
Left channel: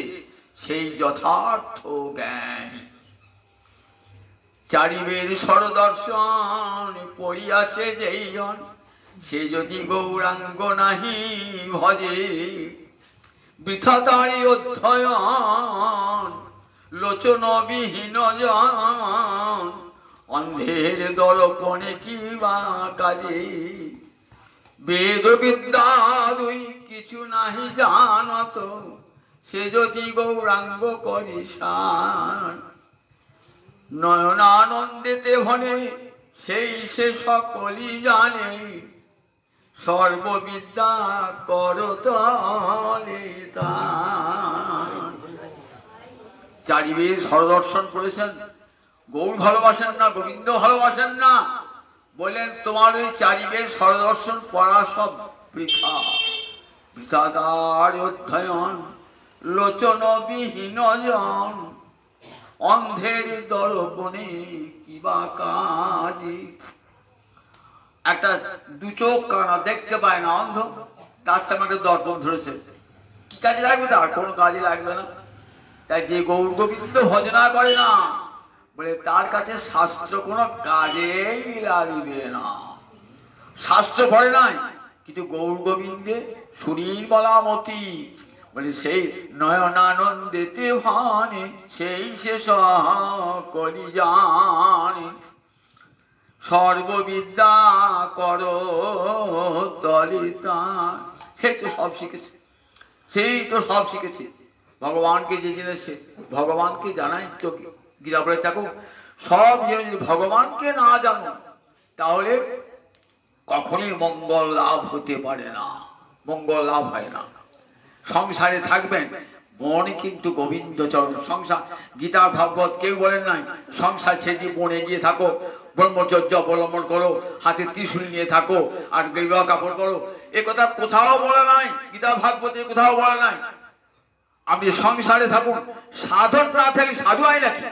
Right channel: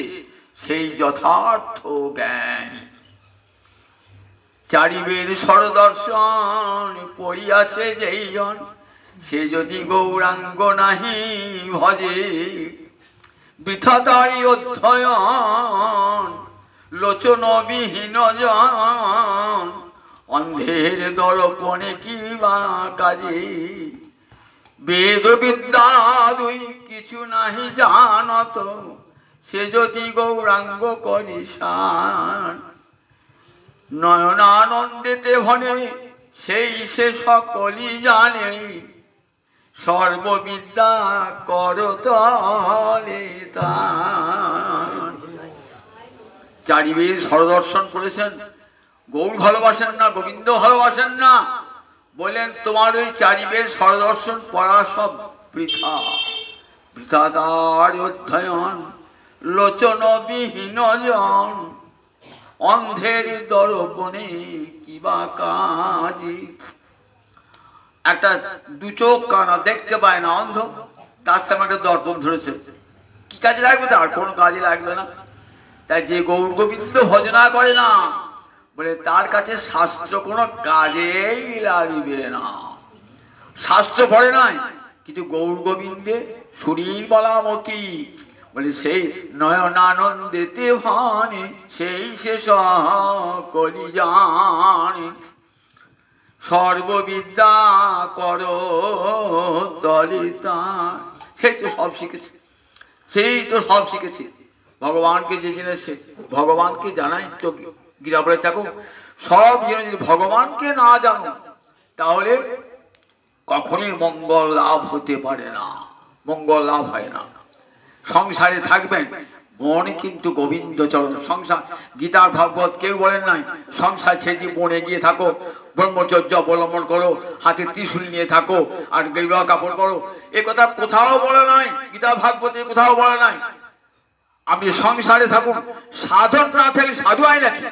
সেই যথার্থ জ্ঞানী। চারিবের সরদর্শন পড়িয়াছে যেই জন, সে যদি গৌরাঙ্গ নাহি ভজে, বৃথা তারি অধ্যয়ন লোচন বিহীন জন, অন্ধের দর্পণে কি বা কাজে, বেদ বিদ্যা দুই কিছু নাহি জানত, সে যদি গৌরাঙ্গ করি সান, নয়নানন্দেতে ভনে সেই সে সকলই জানে, সর্ববিদ্যা করতলে তান। চারিবেদ সরদর্শন করেছেন, গৌর ভালোবাসেন না, গোবিন্দ ভালোবাসেন না, বলেন তোমার ওই চারিবেদ সরদর্শন পড়া সব বৃথা। বৃথাদার অধ্যয়ন লোচন বিহীন জন, অন্ধের দর্পণে কিবা কাজে। একটা দু চোখ কানা দেখতে পায় না, অন্ধ, তার সামনে একটা দর্পণ ধরেছে, কি কাজে লাগবে? তার কোনো কাজে লাগবে না। তাই যে গৌর গোবিন্দ ভজনা করে না, বলে তার কাছে শাস্ত্র কোনো কাজেই লাগবে না। শাস্ত্র পড়ে নাই, কিন্তু গৌর গোবিন্দে শরীর বলা মতি, বলে সেই নয়নানন্দেতে ভানে সেই সে সকলি জানে, সর্ববিদ্যা কর দলিতা। সেই তো সব শিখেছে, সেই তো সব শিখেছে। ভগবানকে যে জেনেছে ভগবানকে জানাই তো গীতা বলে থাকো সব জেনে যদি ভগবানকে না জানো তাহলে কখনোই মঙ্গল লাভ হতে পারে না, মঙ্গল লাভ হয় না। সংসারে থাকবেন মন কিন্তু গোবিন্দ চরণ। সংসার গীতা ভাগবত কেউ বলেন নাই সংসার ছেড়ে দিয়ে বনে গিয়ে থাকো, ব্রহ্মচর্য অবলম্বন করো, হাতে ত্রিশূল নিয়ে থাকো আর গেরুয়া কাপড় করো, এ কথা কোথাও বলে নাই, গীতা ভাগবতে কোথাও বলে নাই। আপনি সংসারে থাকুন, সাধন না থাকলে সাধু হয় নাকি?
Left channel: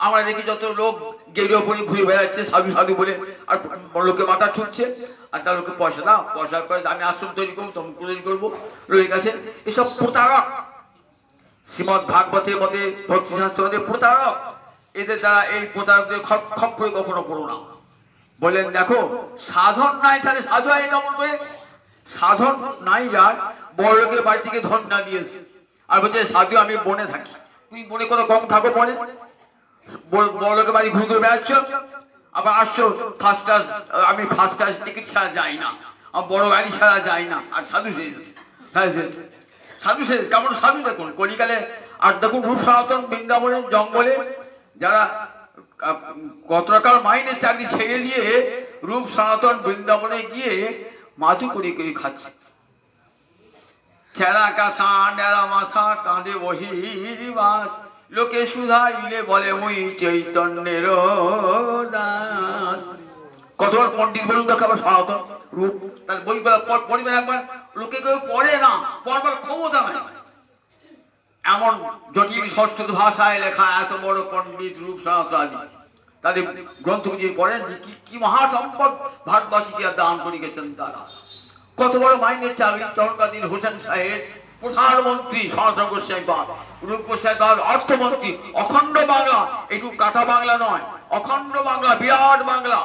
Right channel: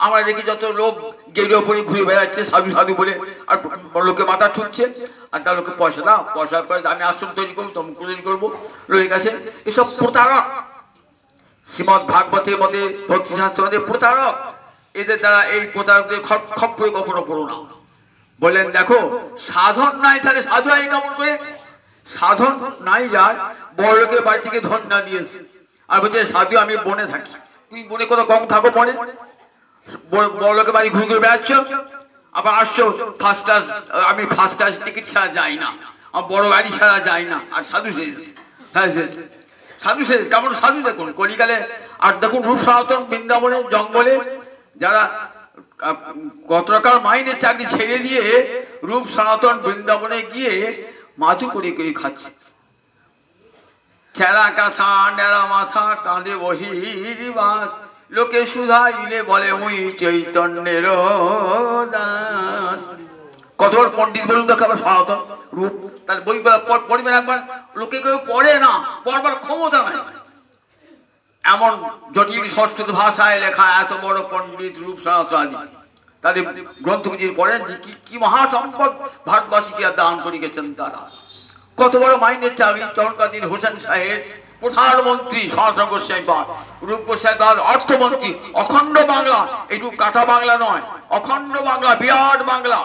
আমরা দেখি যত লোক গেরুয়া পরে ঘুরে বেড়াচ্ছে সাধু সাধু বলে, আর লোকে মাথা ঠুকছে, আর তার লোকে পয়সা দাও, পয়সা করে আমি আশ্রম তৈরি করবো, তমুক তৈরি করবো, রয়ে গেছে। এসব প্রতারক, শ্রীমদ ভাগবতের মধ্যে ভক্তি শাস্ত্রের মধ্যে প্রতারক। এদের দ্বারা এই প্রতারকদের খপ্পরে কখনো পড়ো না। বললেন দেখো সাধন নাই তাহলে সাধু হয় কেমন করে? সাধন নাই যার, বড় লোকের বাড়ি থেকে ধন না দিয়েছে আর বলছে সাধু আমি বনে থাকি। তুই বনে কোনো কম থাকো, পরে বড় লোকের বাড়ি ঘুরে ঘুরে বেড়াচ্ছ, আবার আসছো ফার্স্ট ক্লাস, আমি ফার্স্ট ক্লাস টিকিট ছাড়া যাই না, আমার বড় গাড়ি ছাড়া যাই না, আর সাধু শেষ। হ্যাঁ শেষ সাধু শেষ। কেমন সাধু দেখুন কলিকালে। আর দেখুন রূপ সনাতন বৃন্দাবনে জঙ্গলে যারা কত টাকার মাইনের চাকরি ছেড়ে দিয়ে রূপ সনাতন বৃন্দাবনে গিয়ে মাথু করে করে খাচ্ছে। ছেঁড়া কাঁথা নেড়া মাথা কাঁদে বহির্বাস, লোকে সুধাইলে বলে মুই চৈতন্যের দাস। কতবার পণ্ডিত বলুন তো খাবার সনাতন রূপ, তার বইগুলো পড়বেন একবার, লোকে কেউ পড়ে না, পড়বার ক্ষমতা নাই। এমন জটিল সংস্কৃত ভাষায় লেখা এত বড় পণ্ডিত রূপ সনাতন আদি, তাদের গ্রন্থগুলি পড়েন যে কি মহাসম্পদ ভারতবাসীকে দান করে গেছেন তারা। কত বড় মাইনের চাকরি। তখনকার দিন হোসেন সাহেব প্রধানমন্ত্রী, সনাতন গোস্বামী পাদ, রূপ গোস্বামী পাদ অর্থমন্ত্রী, অখণ্ড বাংলা, একটু কাটা বাংলা নয়, অখণ্ড বাংলা, বিরাট বাংলা।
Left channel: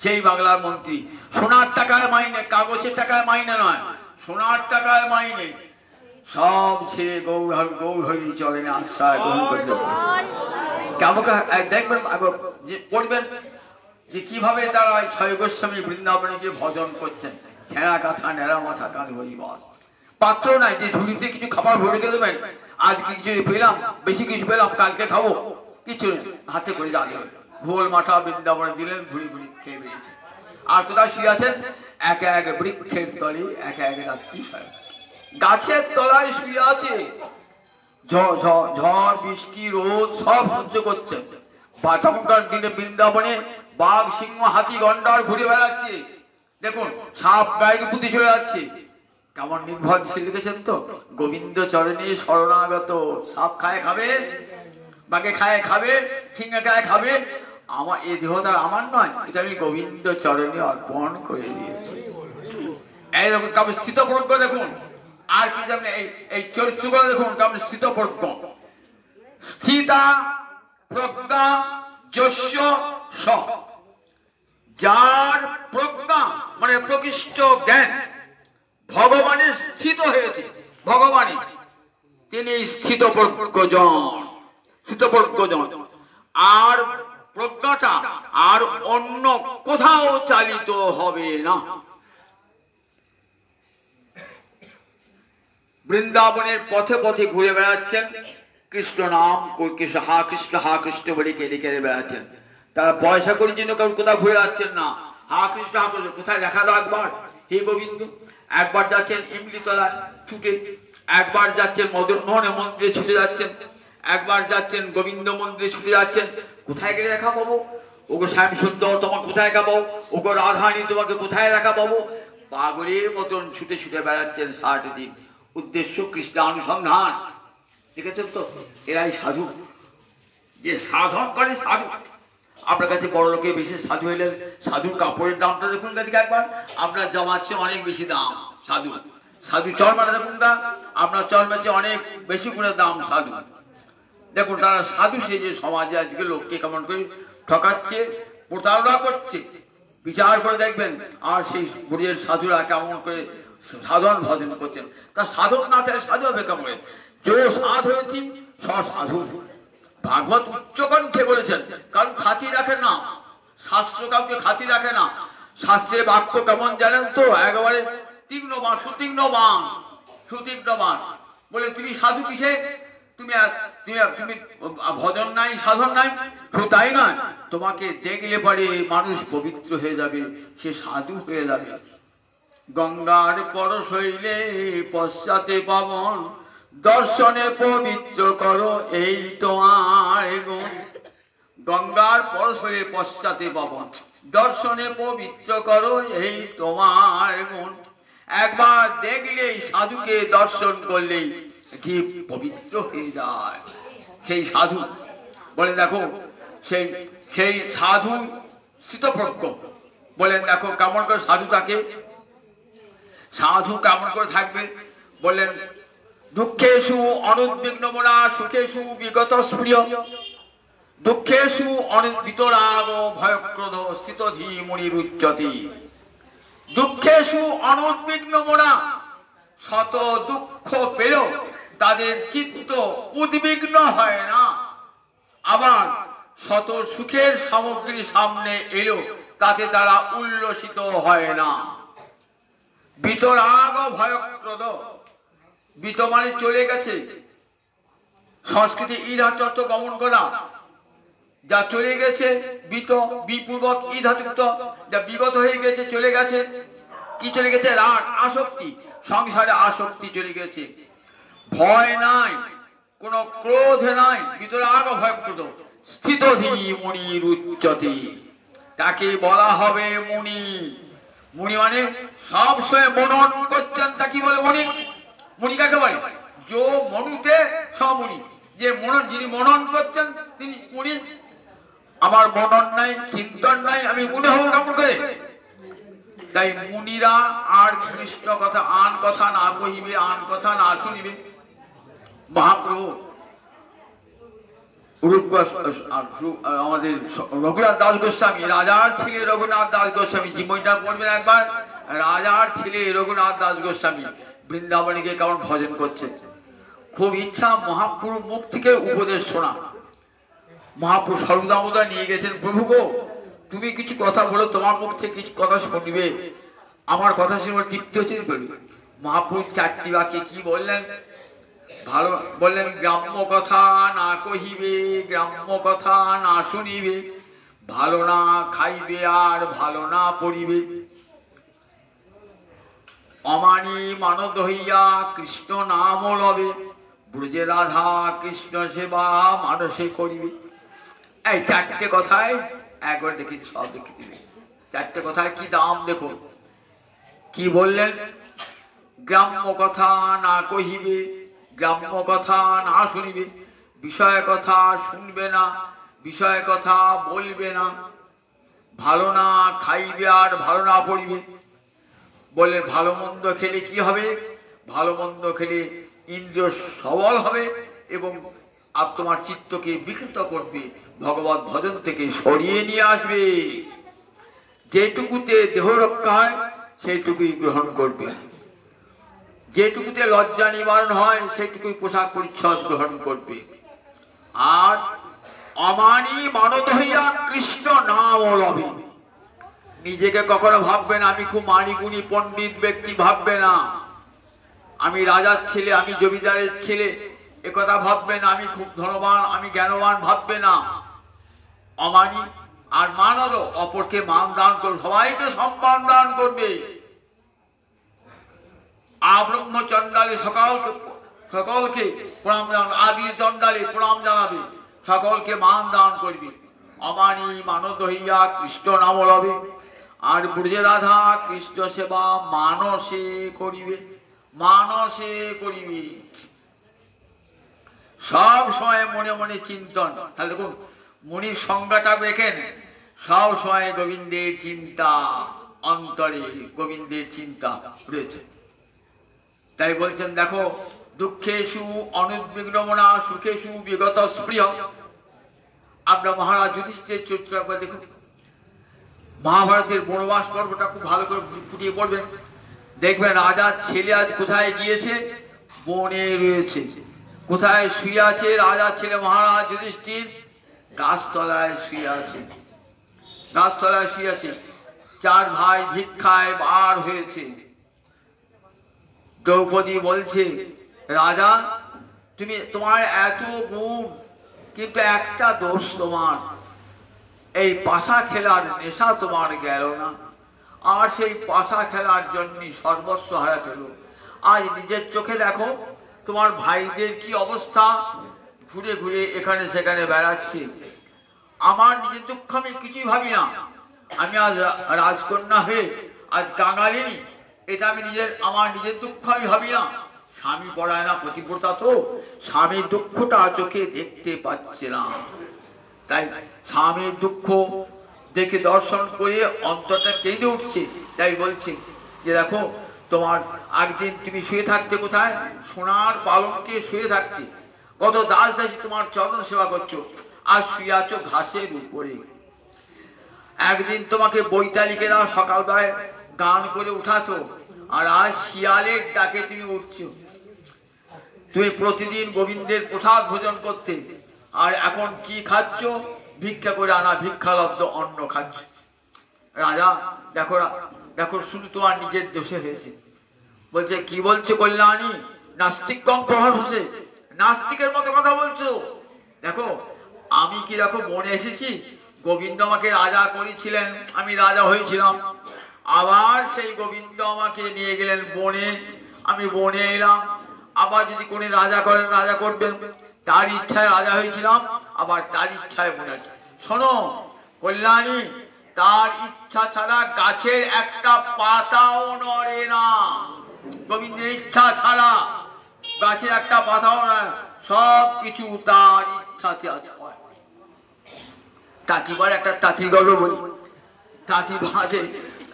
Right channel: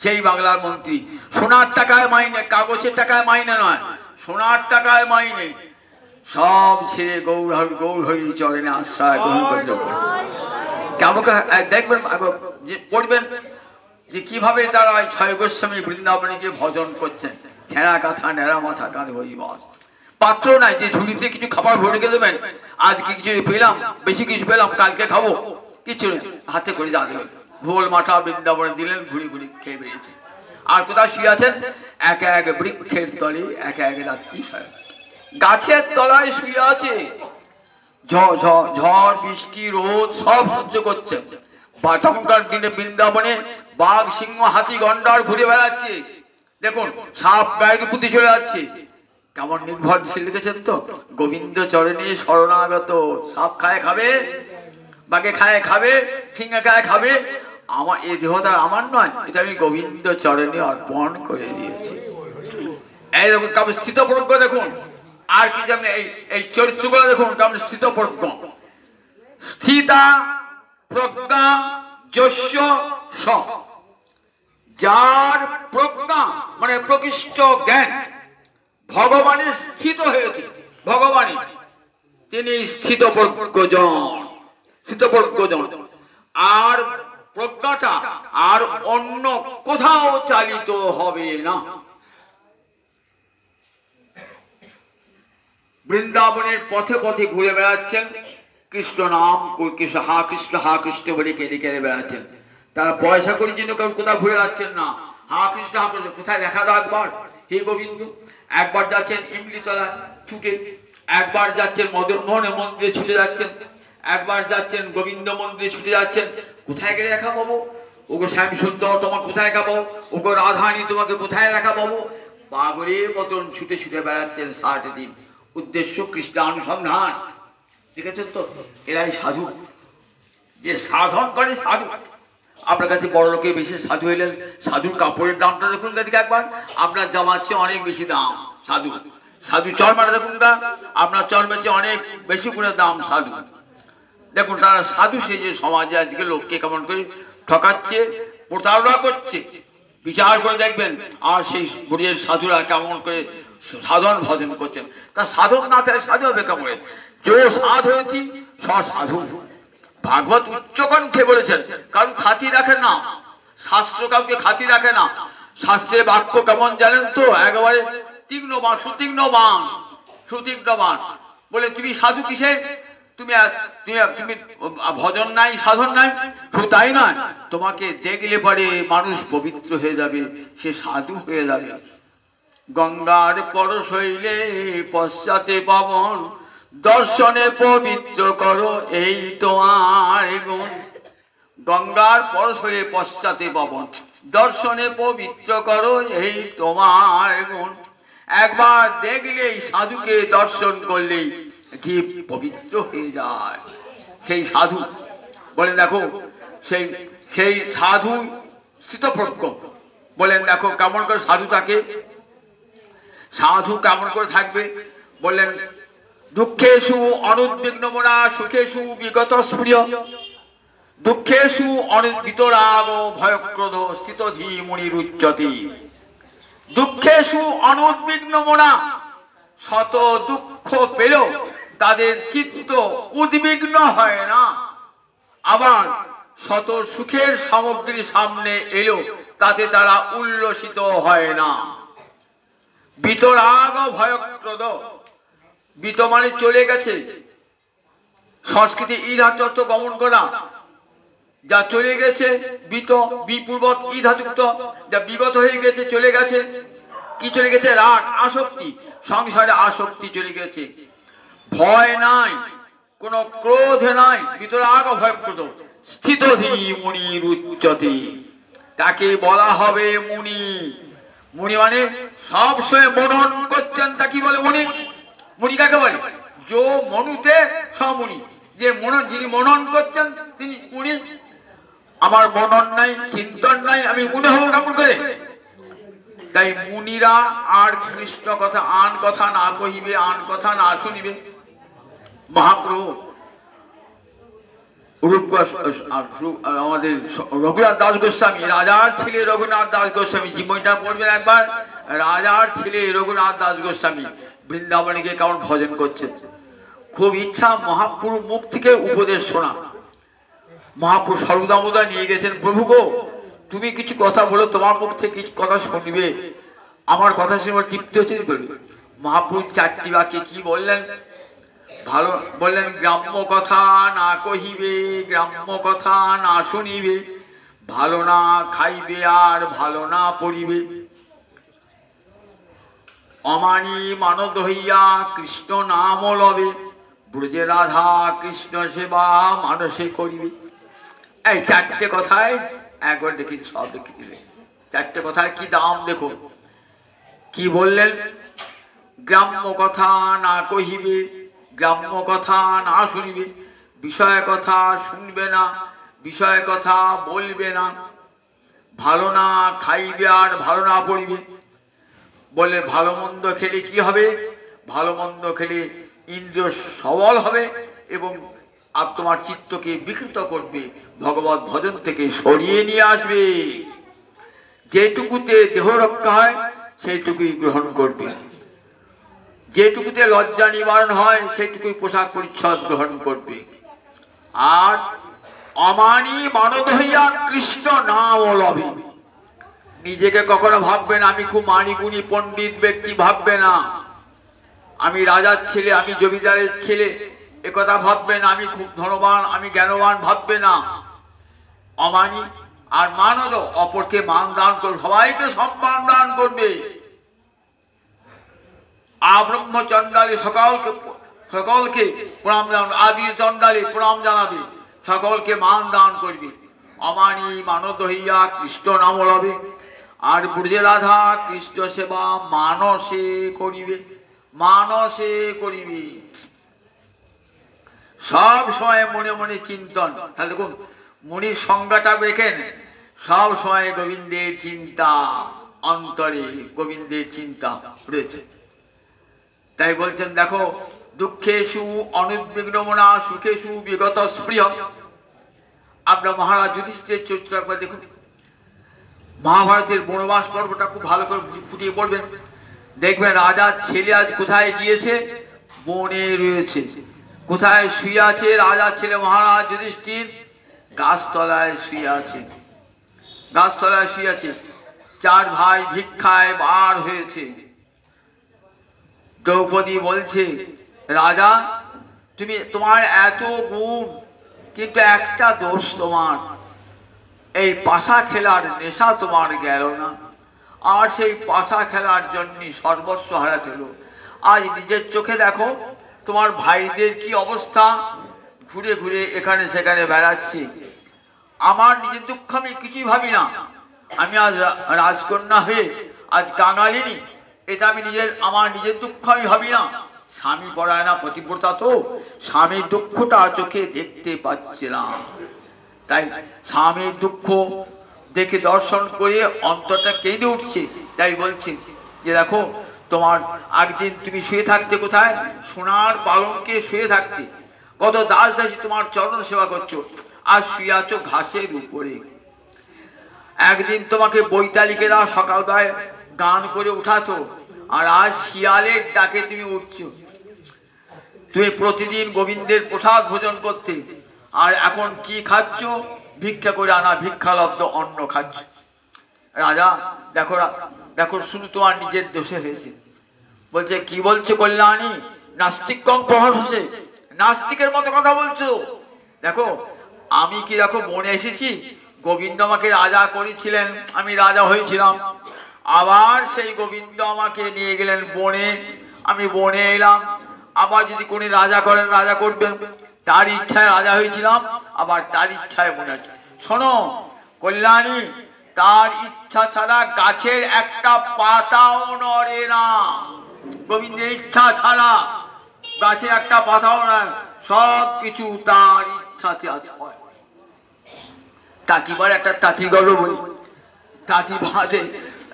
সেই বাংলার মন্ত্রী সোনার টাকায় মাইনে, কাগজের টাকায় মাইনে নয়, সোনার টাকায় মাইনে। সব ছেড়ে গৌরহরি চরণে আশ্রয় গ্রহণ করতে কেমন দেখবেন, পড়বেন যে কিভাবে তারা ছয় গোস্বামী বৃন্দাবনে গিয়ে ভজন করছেন। ছেঁড়া কাঁথা নেড়া মাথা কাঁধে হরিবাস, পাত্র নাই যে ঝুড়িতে কিছু খাবার ভরে গে দেবেন, আজকে কিছু পেলাম, বেশি কিছু পেলাম, কালকে খাবো, কিছু নেই, হাতে করে যা দেবেন। ভোল মাঠা বৃন্দাবনে দিলেন, ঘুরি ঘুরি খেয়ে বেরিয়েছে। আর কোথায় শুয়ে আছেন? এক এক বৃক্ষের তলে এক এক রাত্রি শয়ন, গাছের তলায় শুয়ে আছে। ঝড় বৃষ্টি রোদ সব সহ্য করছে। তখনকার দিনে বৃন্দাবনে বাঘ সিংহ হাতি গন্ডার ঘুরে বেড়াচ্ছে। দেখুন সাপ গায়ের উপর দিয়ে চলে যাচ্ছে। কেমন নির্ভরশীল লিখেছেন তো, গোবিন্দ চরণে শরণাগত। সাপ খায় খাবে, বাঘে খায় খাবে, সিংহে খায় খাবে, আমার এই দেহটা আমার নয়, এটা আমি গোবিন্দ চরণে অর্পণ করে দিয়েছি। এইরকম কেমন স্থিতপ্রজ্ঞ দেখুন। আর কি জানেন এই চরিত্রগুলো দেখুন কেমন স্থিতপ্রজ্ঞ। স্থিতা প্রজ্ঞা যস্য স, যার প্রজ্ঞা মানে প্রকৃষ্ট জ্ঞান ভগবানের স্থিত হয়েছে, ভগবানে তিনি স্থিতপ্রজ্ঞজন। আর প্রজ্ঞাটা আর অন্য কোথাও চালিত হবে না। বৃন্দাবনের পথে পথে ঘুরে বেড়াচ্ছেন, কৃষ্ণ নাম কৃষ্ণ হা কৃষ্ণ বলে কেঁদে কেঁদে বেড়াচ্ছেন। তারা পয়সা করে জন্য কারণ কোথাও ঘুরে যাচ্ছেন না, হা কৃষ্ণ কোথায় দেখা দাও একবার হে গোবিন্দ। একবার যাচ্ছেন ইমলিতলায় ছুটে, একবার যাচ্ছেন মদন মোহনের মন্দিরে ছুটে যাচ্ছেন, একবার যাচ্ছেন গোবিন্দ মন্দিরে ছুটে যাচ্ছেন। কোথায় গেলে দেখা পাবো? ওগো শ্যাম সুন্দর তোমাকে কোথায় দেখা পাবো? ওগো রাধারানী তোমাকে কোথায় দেখা পাবো? পাগলের মতন ছুটে ছুটে বেড়াচ্ছেন 60 দিন। উদ্দেশ্য কৃষ্ণানুসন্ধান। দেখেছেন তো, এরাই সাধু, যে সাধন করে সাধু। আপনার কাছে বড় লোকে বেশি সাধু হইলেন, সাধুর কাপড়ের দামটা দেখুন এদিকে একবার, আপনার জামার চেয়ে অনেক বেশি দাম সাধু। সাধু চর্মাটা দেখুন না, আপনার চর্মের চেয়ে অনেক বেশি করে দাম সাধু। দেখুন তারা সাধু সেজে সমাজে আজকে লোককে কেমন করে ঠকাচ্ছে, প্রতারণা করছে। বিচার করে দেখবেন আর সেই বুড়ির সাধুরা কেমন করে সাধন ভজন করছেন। তা সাধন না চাই সাধু হবে কেমন? যে সাধ হয়েছি সাধু। ভাগবত উচ্চকণ্ঠে বলেছেন, কারণ খাতি রাখে না, শাস্ত্র কাউকে খাতি রাখে না। শাস্ত্রে বাক্য কেমন জানেন তো, একেবারে তীক্ষ্ণ বাণ, সুতীক্ষ্ণ বাণ। বলে তুমি সাধু কিসে, তুমি তুমি ভজন নাই সাধন নাই, শুধু তাই নয় তোমাকে দেখলে পরে মানুষ পবিত্র হয়ে যাবে, সে সাধু হয়ে যাবে। গঙ্গার পরশ হইলে পশ্চাতে পাবন, দর্শনে পবিত্র করো এই তোমার গুণ। গঙ্গার পরশ হইলে পশ্চাতে পাবন, দর্শনে পবিত্র করো এই তোমার গুণ। একবার দেখলেই সাধুকে দর্শন করলেই জীব পবিত্র হয়ে যায়। সেই সাধু বলে দেখো, সেই সাধু স্থিতপ্রজ্ঞ বলেন দেখো কেমন করে সাধু থাকে, সাধু কেমন করে থাকবে বললেন, দুঃখেষু অনুদ্বিগ্ন মনা সুখেষু বিগত স্পৃহ, দুঃখেষু বিতরাগ ভয়ক্রোধ স্থিত ধী মুনিরুচ্যতি। দুঃখেষু অনুদ্বিগ্ন মনা, শত দুঃখ পেলেও তাদের চিত্ত উদ্বিগ্ন হয় না, আবার শত সুখের সামগ্রী সামনে এলেও তাতে তারা উল্লসিত হয় না। বিতরাগ ভয়ক্রোধ, বিত মানে চলে গেছে, সংস্কৃতি ই ধাতুত্ব গমন করা, যা চলে গেছে বিত, বিপূর্বক ই ধাতুত্ব, যা বিগত হয়ে গেছে চলে গেছে। কি চলে গেছে? রাগ আসক্তি, সংসারে আসক্তি চলে গেছে। ভয় নাই, কোন ক্রোধ নাই, বিতরাগ ভয়ক্রোধ স্থিত ধী মুনির উচ্চতি, তাকে বলা হবে মুনি। মুনি মানে সব সময় মনন করছেন, তা কি বলে মুনি? মুনি কাকে বলে? যো মনুতে সমুনি, যে মনন, যিনি মনন করছেন তিনি মুনি। আমার মনন নাই, চিন্তন নাই, আমি মুনি হব কেমন করে? তাই মুনিরা আর কৃষ্ণ কথা আন কথা না কহিবে, আন কথা না শুনিবে। মহাপ্রভু আমাদের রঘুনাথ দাস গোস্বামী, রাজার ছেলে রঘুনাথ দাস গোস্বামী, জীবনটা পড়বেন একবার। রাজার ছেলে রঘুনাথ দাস গোস্বামী বৃন্দাবনে গিয়ে কেমন ভজন করছে। খুব ইচ্ছা মহাপ্রভুর মুখ থেকে উপদেশ শোনা। মহাপ্রভু সর্বদামোদা নিয়ে গেছেন, প্রভু গো তুমি কিছু কথা বলো, তোমার মুখ থেকে কিছু কথা শুনবে, আমার কথা শুনে তৃপ্তি হচ্ছে বলবে। মহাপ্রভু চারটি বাক্যে কি বললেন? ভালো বললেন, গ্রাম্য কথা না কহিবে, গ্রাম্য কথা না শুনিবে, ভালো না খাইবে আর ভালো না পড়িবে, অমানি মানদ হইয়া কৃষ্ণ নাম লবে, ব্রজে রাধা কৃষ্ণ সেবা মানসে করিবে। এই চারটে কথায় একবার দেখি, সব দেখে দিলে চারটে কথার কি দাম দেখো। কি বললেন? গ্রাম্য কথা না কহিবে, গ্রাম্য কথা না শুনিবে, বিষয় কথা শুনবে না, বিষয় কথা বলবে না, ভালো না খাইবে আর ভালো না পড়িবে। বলে ভালো মন্দ খেলে কি হবে? ভালো মন্দ খেলে ইন্দ্রিয় সবল হবে এবং আর তোমার চিত্তকে বিকৃত করবে, ভগবত ভজন থেকে সরিয়ে নিয়ে আসবে। যেটুকুতে দেহ রক্ষা হয় সেইটুকুই গ্রহণ করবে, যেটুকুতে লজ্জা নিবারণ হয় সেইটুকুই পোশাক পরিচ্ছদ গ্রহণ করবে। আর অমানি মানদ হইয়া কৃষ্ণ নাম লবে, নিজেকে কখনো ভাববে না আমি খুব মানি গুণী পণ্ডিত ব্যক্তি, ভাববে না আমি রাজার ছেলে, আমি জমিদারের ছেলে, একথা ভাববে না। আমি খুব ধনবান, আমি জ্ঞানবান, ভাববে না। অমানি আর মানদ, অপরকে মান দান করবে, সবাইকে সম্মান দান করবে। আব্রহ্ম চণ্ডালী সকলকে প্রণাম জানাবে, আদি চণ্ডালী প্রণাম জানাবে, সকলকে মান দান করবে। অমানি মানদ হইয়া কৃষ্ণ নাম লবে, আর ব্রজে রাধা কৃষ্ণ সেবা মানসে করিবে, মানসে করিবে। সব সময় মনে মনে চিন্তন। তাহলে দেখুন মুনির সংজ্ঞাটা দেখেন, সব সময় গোবিন্দের চিন্তা, অন্তরে গোবিন্দের চিন্তা রয়েছে। তাই বলছেন দেখো, দুঃখেষু অনুদ্বিগ্ন মনা সুখেষু বিগত স্পৃহ। আপনার মহারাজ যুধিষ্ঠিরের চরিত্র একবার দেখুন। মহাভারতের বনবাস পর্বটা খুব ভালো করে ফুটিয়ে পড়বেন, দেখবেন রাজার ছেলে আজ কোথায় গিয়েছে? বনে রয়েছে। কোথায় শুয়ে আছে রাজার ছেলে মহারাজ যুধিষ্ঠির? গাছতলায় শুয়ে আছে, গাছতলায় শুয়ে আছে। চার ভাই ভিক্ষায় বার হয়েছে। দ্রৌপদী বলছে রাজা তুমি তোমার এত গুণ, কিন্তু একটা দোষ তোমার, এই পাশা খেলার নেশা তোমার গেল না। আর সেই পাশা খেলার জন্য সর্বস্ব হারাতে হলো। আজ নিজের চোখে দেখো তোমার ভাইদের কি অবস্থা, ঘুরে ঘুরে এখানে সেখানে বেড়াচ্ছে। আমার নিজের দুঃখ আমি কিছুই ভাবি না। আমি আজ রাজকন্যা হয়ে আজ কাঙালিনী, এটা আমি আমার নিজের দুঃখ আমি ভাবি না। স্বামী পরায়ণা পতিব্রতা তো স্বামীর দুঃখটা চোখে দেখতে পাচ্ছে না, তাই স্বামীর দুঃখ দেখে দর্শন করে অন্তরটা কেঁদে উঠছে। তাই বলছি যে দেখো তোমার একদিন তুমি শুয়ে থাকতে কোথায়, সোনার পালঙ্কে শুয়ে থাকতে, কত দাস দাসী তোমার চরণ সেবা করছো, আর শুয়ে আছো ঘাসের উপরে। একদিন তোমাকে বৈতালিকেরা সকালবেলায় গান করে উঠাতো, আর আজ শিয়ালের ডাকে তুমি উঠছো। তুমি প্রতিদিন গোবিন্দের প্রসাদ ভোজন করতে, আর এখন কি খাচ্ছ, ভিক্ষা করে আনা ভিক্ষালব্ধ অন্ন খাচ্ছ। রাজা দেখো দেখো শুধু তোমার নিজের দোষে হয়েছে। বলছে কি বলছে কল্যাণী, নাস্তিক কম প্রহার হচ্ছে, নাস্তিকের মতো কথা বলছো। দেখো আমি কি দেখো বনে এসেছি, গোবিন্দ আমাকে রাজা করেছিলেন, আমি রাজা হয়েছিলাম, আবার সেই গোবিন্দ আমাকে নিয়ে গেলেন বনে, আমি বনে এলাম। আবার যদি কোন রাজা করেন, রাজা করবেন, তার ইচ্ছায় রাজা হয়েছিলাম, আবার তার ইচ্ছায় বনে আছে। শোনো কল্যাণী, তার ইচ্ছা ছাড়া গাছের একটা পাতাও নড়ে না। গোবিন্দের ইচ্ছা ছাড়া গাছের একটা পাতাও নয়, সব কিছু তার ইচ্ছাতে আছে। তাঁতিবার একটা তাঁতি গল্প বলি, তাঁতি বাঁধে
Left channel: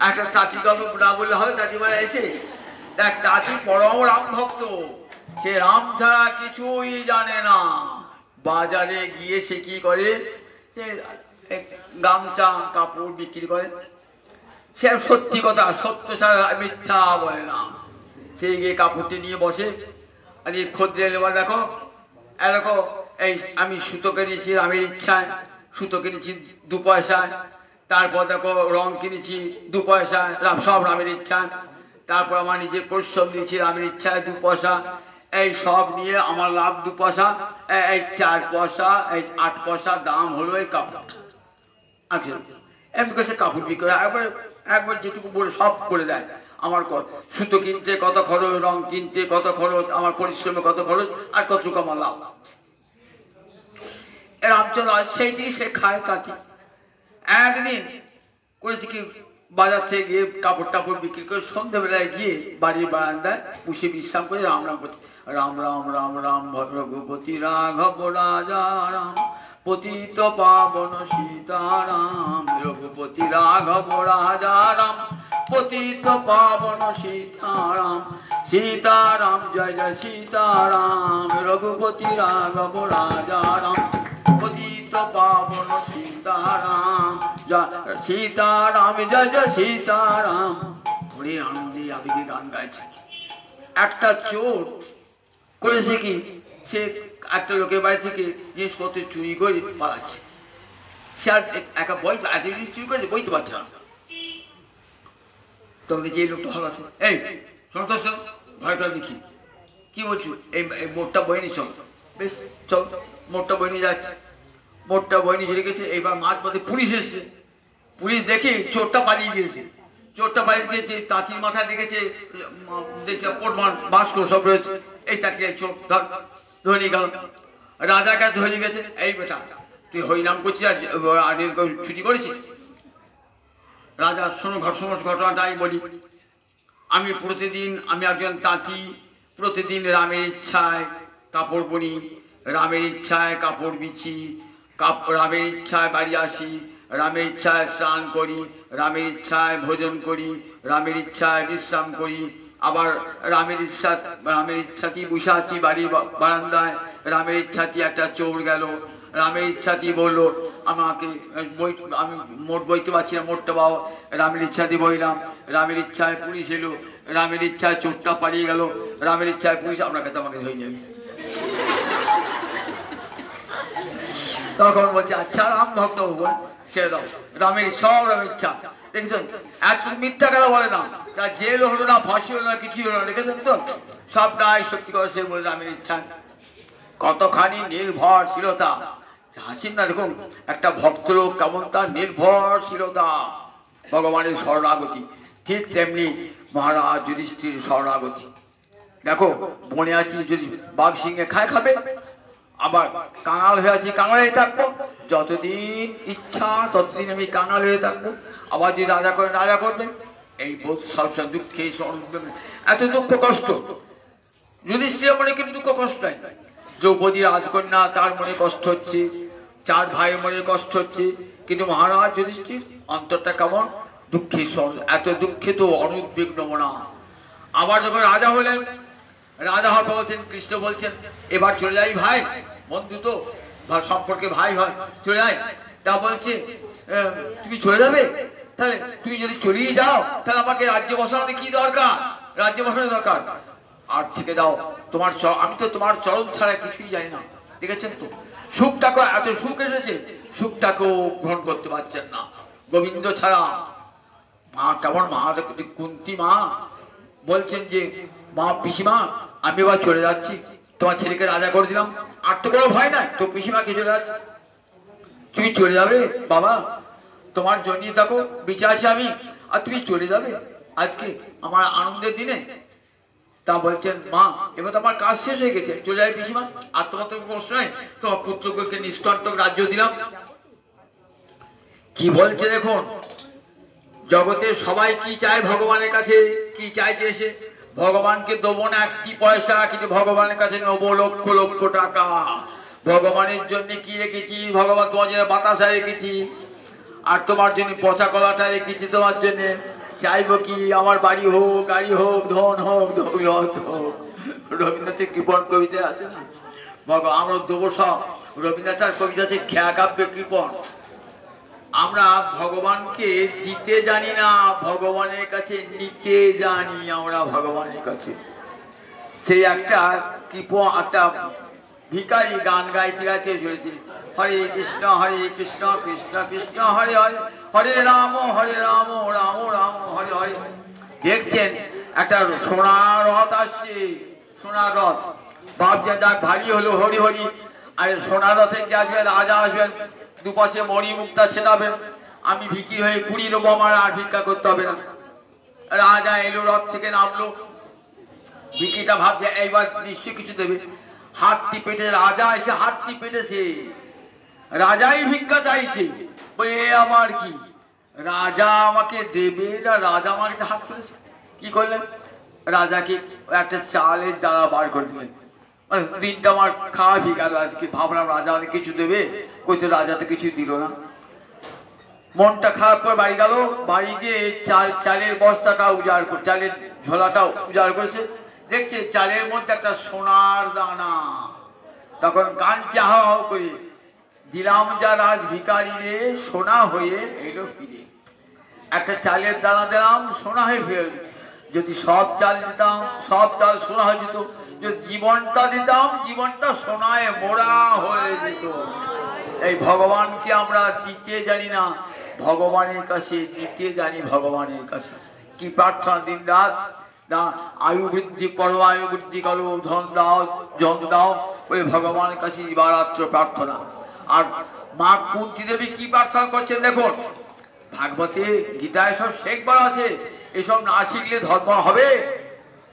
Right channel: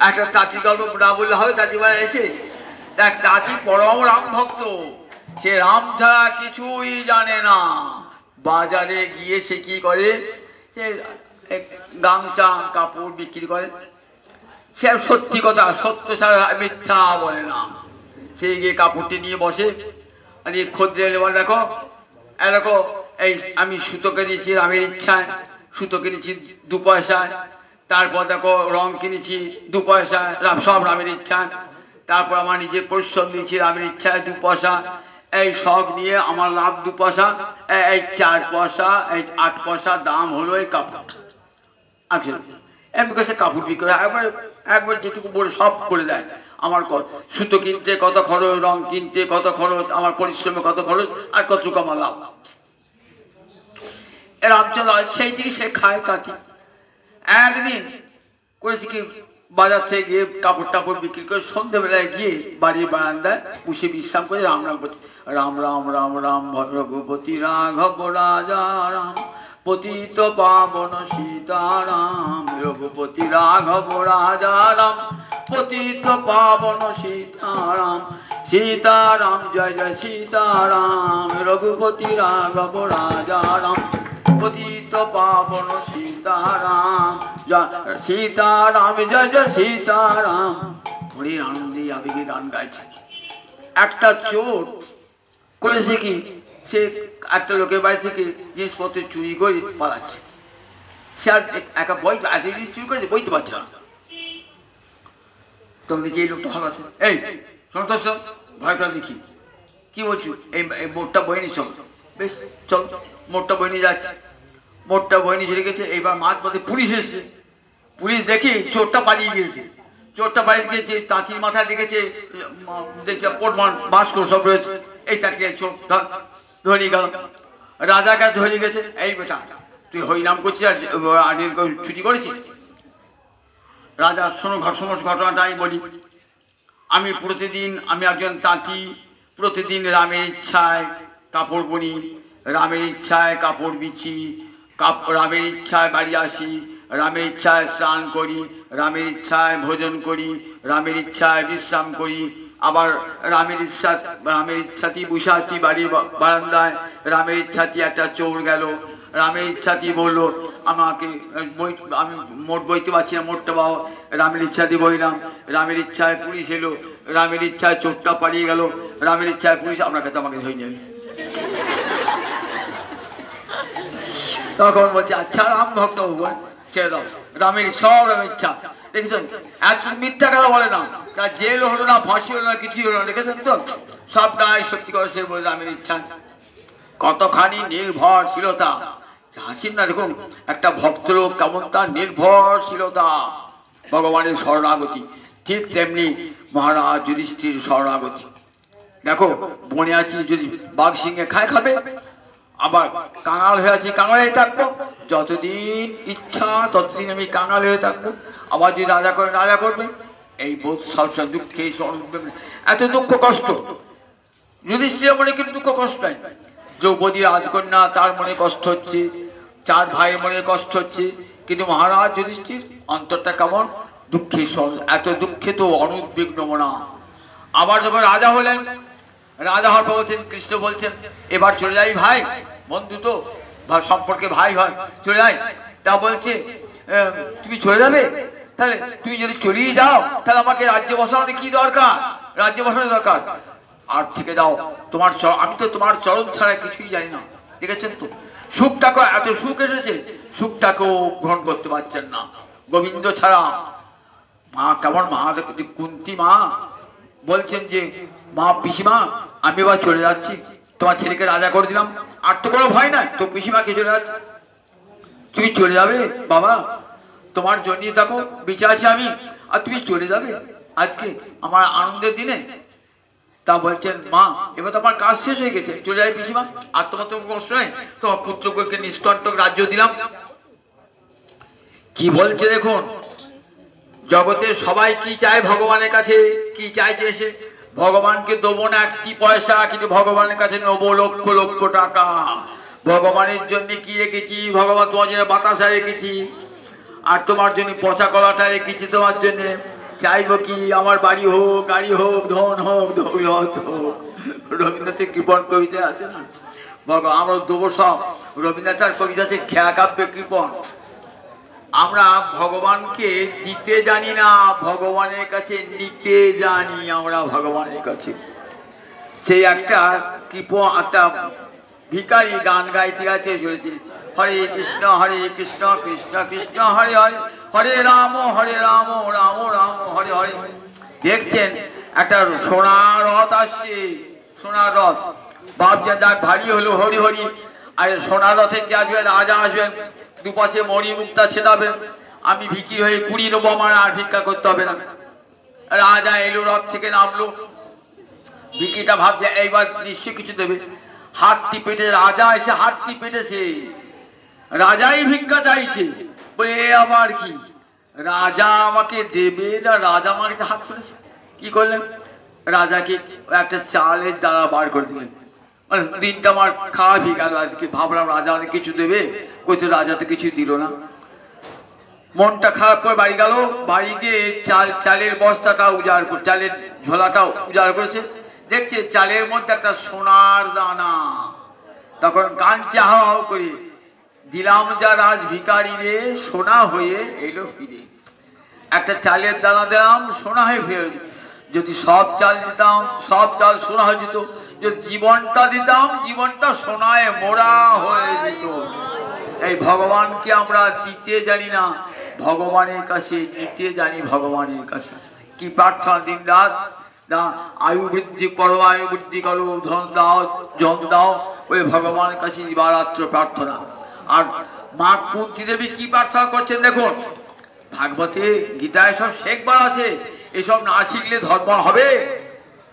একটা তাঁতি গল্প না বললে হবে। তাঁতিবার এসে দেখ, তাঁতি পরম রাম ভক্ত, সে রাম ছাড়া কিছুই জানে না। বাজারে গিয়ে সে কি করে, সে গামছা কাপড় বিক্রি করে, সে সত্যি কথা, সত্য ছাড়া মিথ্যা বলে না। সেই গিয়ে কাপড়টি নিয়ে বসে, আর এই খদ্দের এবার দেখো এরকম, এই আমি সুতো কিনেছি রামের ইচ্ছায়, সুতো কিনেছি 2 পয়সায়, তারপর দেখো রং কিনেছি 2 পয়সায়, সব রামের ইচ্ছায়, তারপর আমার নিজের পরিশ্রম দিয়েছি রামের ইচ্ছায় 2 পয়সা, এই সব নিয়ে আমার লাভ 2 পয়সা, এই 4 পয়সা, এই 8 পয়সা দাম হলো এই কাপড়টা। আচ্ছা এমনি কাছে কাপড় বিক্রি করে একবার যেটুকু বলে সব করে দেয়। আমার সুতো কিনতে কত খরচ, রং কিনতে কত খরচ, আমার পরিশ্রমে কত খরচ, আর কতটুকু আমার লাভ। রামচন্দ্র সেই দিকে সে খায় তাঁতি। একদিন করেছি কি, বাজার থেকে গিয়ে কাপড় টাপড় বিক্রি করে সন্ধ্যাবেলায় গিয়ে বাড়ির বারান্দায় বসে বিশ্রাম করে রাম রাম করছে, রাম রাম রাম রাম ভদ্রগোপতি রাঘব রাজা রাম, পতিত পাবন সীতারাম, রঘুপতি রাঘব রাজা রাম, পতিত পাবন সীতারাম, সীতারাম জয় জয় সীতারাম, রঘুপতি রাঘব রাজা রাম, পতিত পাবন সীতারাম, সীতারাম জয় জয় সীতারাম। হরে আনন্দে আবেগে গান গাইছে। একটা চোর করেছে কি, সে একটা লোকের বাড়ি থেকে জিনিসপত্র চুরি করে পালাচ্ছে। সে আর একা চুরি করেছে, বইতে পারছে না। তখন যে লোকটা ভালো আছে, এই সন্তোষ ভয়টা দেখি, কি বলছো, এই মোটটা বই নিয়ে চলো। বেশ চলো, মোটটা বই নিয়ে যাচ্ছে। মোটটা বই নিয়ে চলে গেছে। এইবার মাঝ পথে পুলিশ এসেছে। পুলিশ দেখি চোরটা পালিয়ে গিয়েছে। চোরটা পালিয়ে গিয়েছে, তাঁতির মাথায় দেখেছে বাস্ক সব রয়েছে। এই তাঁতি চোর ধরে গেল, রাজার কাছে ধরে গেছে। এই বেটা তুই হরিনাম করছিস আর ছুটি করেছিস? রাজা শোনো ঘটনাটা আমি বলি। আমি একজন তাঁতি, প্রতিদিন রামের ইচ্ছায় কাপড় বুনি, রামের ইচ্ছায় কাপড় বিছি, রামের ইচ্ছায় বাড়ি আসি, রামের ইচ্ছায় স্নান করি, রামের ইচ্ছায় ভোজন করি, রামের ইচ্ছায় বিশ্রাম করি, আবার রামের ইচ্ছাতেই বসে আছি বাড়ির বারান্দায়। রামের ইচ্ছাতেই একটা চোর গেল, রামের ইচ্ছাতেই বললো আমাকে আমি মোট বইতে পারছি না, মোটটা বাবা রামের ইচ্ছাতেই বইলাম। রামের ইচ্ছায় পুলিশ এলো, রামের ইচ্ছায় চোরটা পালিয়ে গেল, রামের ইচ্ছায় পুলিশ আপনার কাছে আমাকে ধরে নেবে। তখন বলছে আচ্ছা রাম ভক্ত ছেড়ে দাও, রামের সব রামের ইচ্ছা। দেখেছেন? এত মিথ্যা কথা বলে না, তার জেল হলো না, ফাঁসি হলো না, কিছুই হলো না, দেখেছেন তো? সবটাই সত্যি করে সে বলে রামের ইচ্ছা। কতখানি নির্ভরশীলতা হাসিন না, দেখুন একটা ভক্ত লোক কেমন তার নির্ভরশীলতা, ভগবানের শরণাগতি। ঠিক তেমনি মহারাজ যুধিষ্ঠির শরণাগতি। দেখো, বনে আছি, যদি বাঘ সিংহে খায় খাবে, আবার কাঙাল হয়ে আছি, কাঙাল হয়ে থাকবো, যতদিন ইচ্ছা ততদিন আমি কাঙাল হয়ে থাকবো। আবার যদি রাজা করে রাজা করবে, এই বোধ সবসময় দুঃখে এত দুঃখ কষ্ট। যুধিষ্ঠিরের মনে কিন্তু দুঃখ কষ্ট নাই। দ্রৌপদী রাজকন্যা, তার মনে কষ্ট হচ্ছে, 4 ভাইয়ের মনে কষ্ট হচ্ছে, কিন্তু মহারাজ যুধিষ্ঠির অন্তরটা কেমন দুঃখী। এত দুঃখে তো অনুদ্বিগ্ন মনা। আবার যখন রাজা হলেন, রাজা হওয়ার পর বলছেন, কৃষ্ণ বলছেন এবার চলে যাই ভাই, বন্ধু তো সম্পর্কে ভাই হয়, চলে যাই। তা বলছে তুমি চলে যাবে, তাহলে তুমি যদি চলেই যাও তাহলে আমাকে রাজ্যে বসানোর কি দরকার, রাজ্যে বসানোর দরকার আর থেকে দাও তোমার, আমি তো তোমার চরণ ছাড়া কিছুই জানি না। দেখেছেন তো সুখটাকে, এত সুখ এসেছে, সুখটাকেও গ্রহণ করতে পারছেন না গোবিন্দ ছাড়া। মা কেমন, মা কুন্তী মা বলছেন যে মা পিসিমা আমি এবার চলে যাচ্ছি, তোমার ছেলেকে রাজা করে দিলাম, আর তো কোনো ভয় নাই, তো পিসিমাকে চলে যাচ্ছে, তুমি চলে যাবে বাবা, তোমার জন্য দেখো বেঁচে আছি আমি, আর তুমি চলে যাবে আজকে আমার আনন্দের দিনে। তা বলছেন মা এবার তো আমার কাজ শেষ হয়ে গেছে, চলে যাই পিসিমা, আর তোমার তো কষ্ট নেই, তোমার পুত্রকে নিষ্কণ্টক রাজ্য দিলাম। কি বলছে দেখুন, জগতে সবাই কি চায় ভগবানের কাছে, কি চাইছে এসে, ভগবানকে দেবো না 1 পয়সা, কিন্তু ভগবানের কাছে নেবো লক্ষ লক্ষ টাকা। ভগবানের জন্য কি রেখেছি, ভগবান তোমার জন্য বাতাসা রেখেছি, আর তোমার জন্য পচা কলাটা রেখেছি তোমার জন্য। চাইবো কি আমার বাড়ি হোক, গাড়ি হোক, ধন হোক, দৌলত হোক। রবীন্দ্রনাথের কৃপণ কবিতা আছে না, আমরা দেবো সব। রবীন্দ্রনাথের কবিতা আছে খেয়া কাব্যে কৃপণ। আমরা ভগবানকে দিতে জানি না, ভগবানের কাছে নিতে জানি আমরা ভগবানের কাছে। সেই একটা একটা ভিখারি গান গাইতে গাইতে চলেছে, হরে কৃষ্ণ কৃষ্ণ কৃষ্ণ হরে হরে, হরে রাম রাম রাম হরে হরে। দেখছেন একটা সোনার রথ আসছে, সোনার রথ, ভাবছেন যাক ভারী হলো হরি হরি, আর সোনার রথের যে আসবেন রাজা আসবেন, দুপাশে মণি মুক্তা ছেড়াবেন, আমি ভিকির হয়ে কুড়ি নেবো, আমার আর ভিক্ষা করতে হবে না। রাজা এলো, রথ থেকে নামলো, ভিকিটা ভাবছে এইবার নিশ্চয় কিছু দেবে, হাত টিপেটে, রাজা এসে হাত টিপেটেছে, রাজাই ভিক্ষা চাইছে, এ আমার কি, রাজা আমাকে দেবে না, রাজা আমার হাত করেছে। কি করলেন, রাজাকে একটা চালের দ্বারা বার করে দিলেন। দিনটা আমার খারাপ হয়ে গেল আজকে, ভাবলাম রাজা অনেক কিছু দেবে, কইতো রাজা তো কিছু দিল না। মনটা খারাপ করে বাড়ি গেল, বাড়ি গিয়ে চালের বস্তাটা উজাড় করে, চালের ঝোলাটা উজাড় করেছে, দেখছে চালের মধ্যে একটা সোনার দানা। তখন কাঁদছে হাও হাও করে, দিলাম যা রাজ ভিখারি রে, সোনা হয়ে এলো ফিরে। একটা চালের দানা দিলাম, সোনা হয়ে ফিরে। যদি সব চাল দিতাম, সব চাল সোনা হয়ে যেত, যদি জীবনটা দিতাম, জীবনটা সোনায় মোড়া হয়ে যেত। এই ভগবানকে আমরা দিতে জানি না, ভগবানের কাছে দিতে জানি। ভগবানের কাছে কি প্রার্থনা, দিন রাত আয়ু বৃদ্ধি করো, আয়ু বৃদ্ধি করো, ধন দাও, জন দাও, ওই ভগবানের কাছে দিবারাত্র প্রার্থনা। আর মা কুন্তী দেবী কি প্রার্থনা করছেন দেখুন, ভাগবতে গীতায় সব শেখবার আছে, এসব না শিখলে ধর্ম হবে?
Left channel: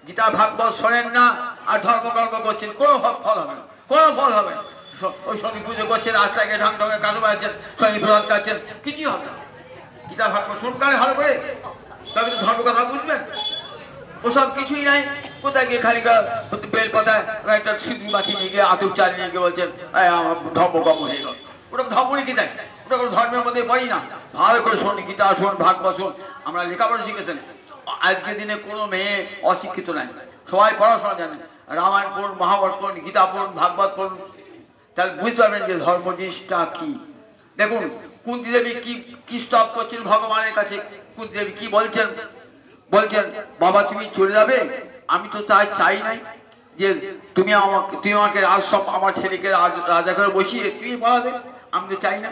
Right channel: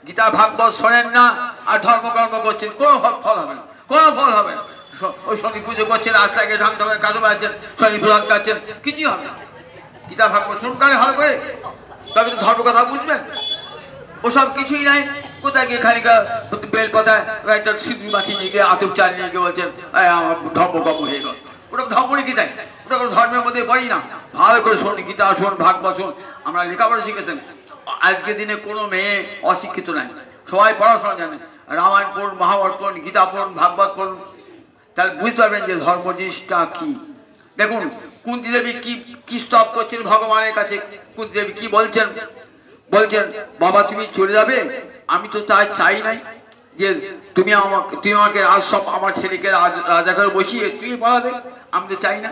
গীতা ভাগবত শোনেন না আর ধর্মকর্ম করছেন, কোনো ফল হবে না, কোনো ফল হবে না। ওই শনি পুজো করছেন, রাস্তাকে ঢাকতে হবে, কাজু বাড়ছেন, শনি প্রসাদ খাচ্ছেন, কিছুই হবে না। গীতা ভাগবত শুনকারে ভালো করে, তবে তো ধর্ম কথা বুঝবেন। ওসব কিছুই নাই, কোথায় গিয়ে খালি বেল কথায় একটা সিদ্ধি মাখিয়ে নিয়ে গিয়ে, আতুর চাল নিয়ে গিয়ে বলছেন আমার ধর্মকর্ম হয়ে গেল। ওটা ধর্মই গীতা, ওটা কোনো ধর্মের মধ্যে পড়ি না। ভালো করে শোন, গীতা শোন, ভাগবত শোন। আমরা লেখাপড়া শিখেছেন, আজকের দিনে কোনো মেয়ে অশিক্ষিত নাই, সবাই পড়াশোনা জানে। রামায়ণ পড়ুন, মহাভারত পড়ুন, গীতা পড়ুন, ভাগবত পড়ুন, তাহলে বুঝতে পারবেন যে ধর্ম জিনিসটা কি। দেখুন কুন্তী দেবী কি স্তব করছেন ভগবানের কাছে। কুন্তী দেবী কি বলছেন, বলছেন বাবা তুমি চলে যাবে, আমি তো তাই চাই নাই যে তুমি আমাকে রাজসব, আমার ছেলেকে রাজা করে বসিয়ে তুমি পড়াবে, আমি তো চাই না।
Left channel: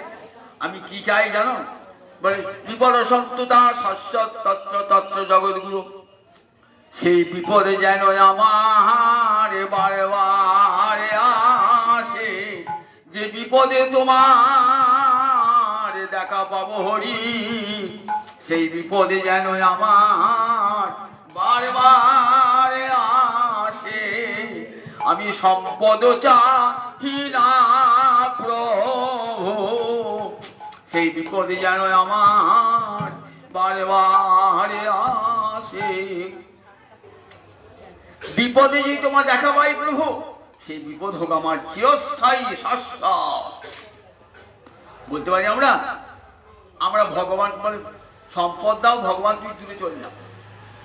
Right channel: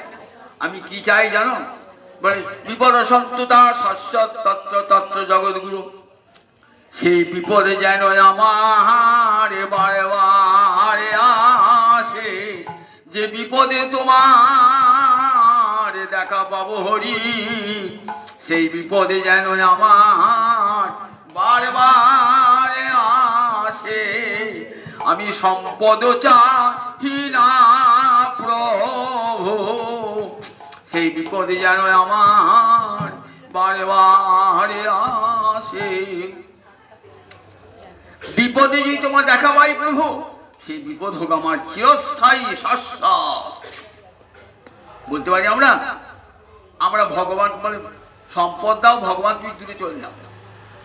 আমি কি চাই জানো, বিপদ সন্তুতা শাশ্বত তত্র তত্র জগৎগুরু। সেই বিপদে যেন আমার বারে বারে আসে, যে বিপদে তোমার দেখা পাবো হরি, সেই বিপদে যেন আমার বারে বারে আসে। আমি সম্পদ চাহি না প্রভু, সেই বিপদে যেন আমার বারে বারে আসে। বিপদে যদি তোমার দেখা পাই প্রভু, সেই বিপদ হোক আমার চিরস্থায়ী শাশ্বত। বলতে পারি আমরা আমরা ভগবান বলে সম্পদ দাও, ভগবান তুমি দূরে চলে যাও,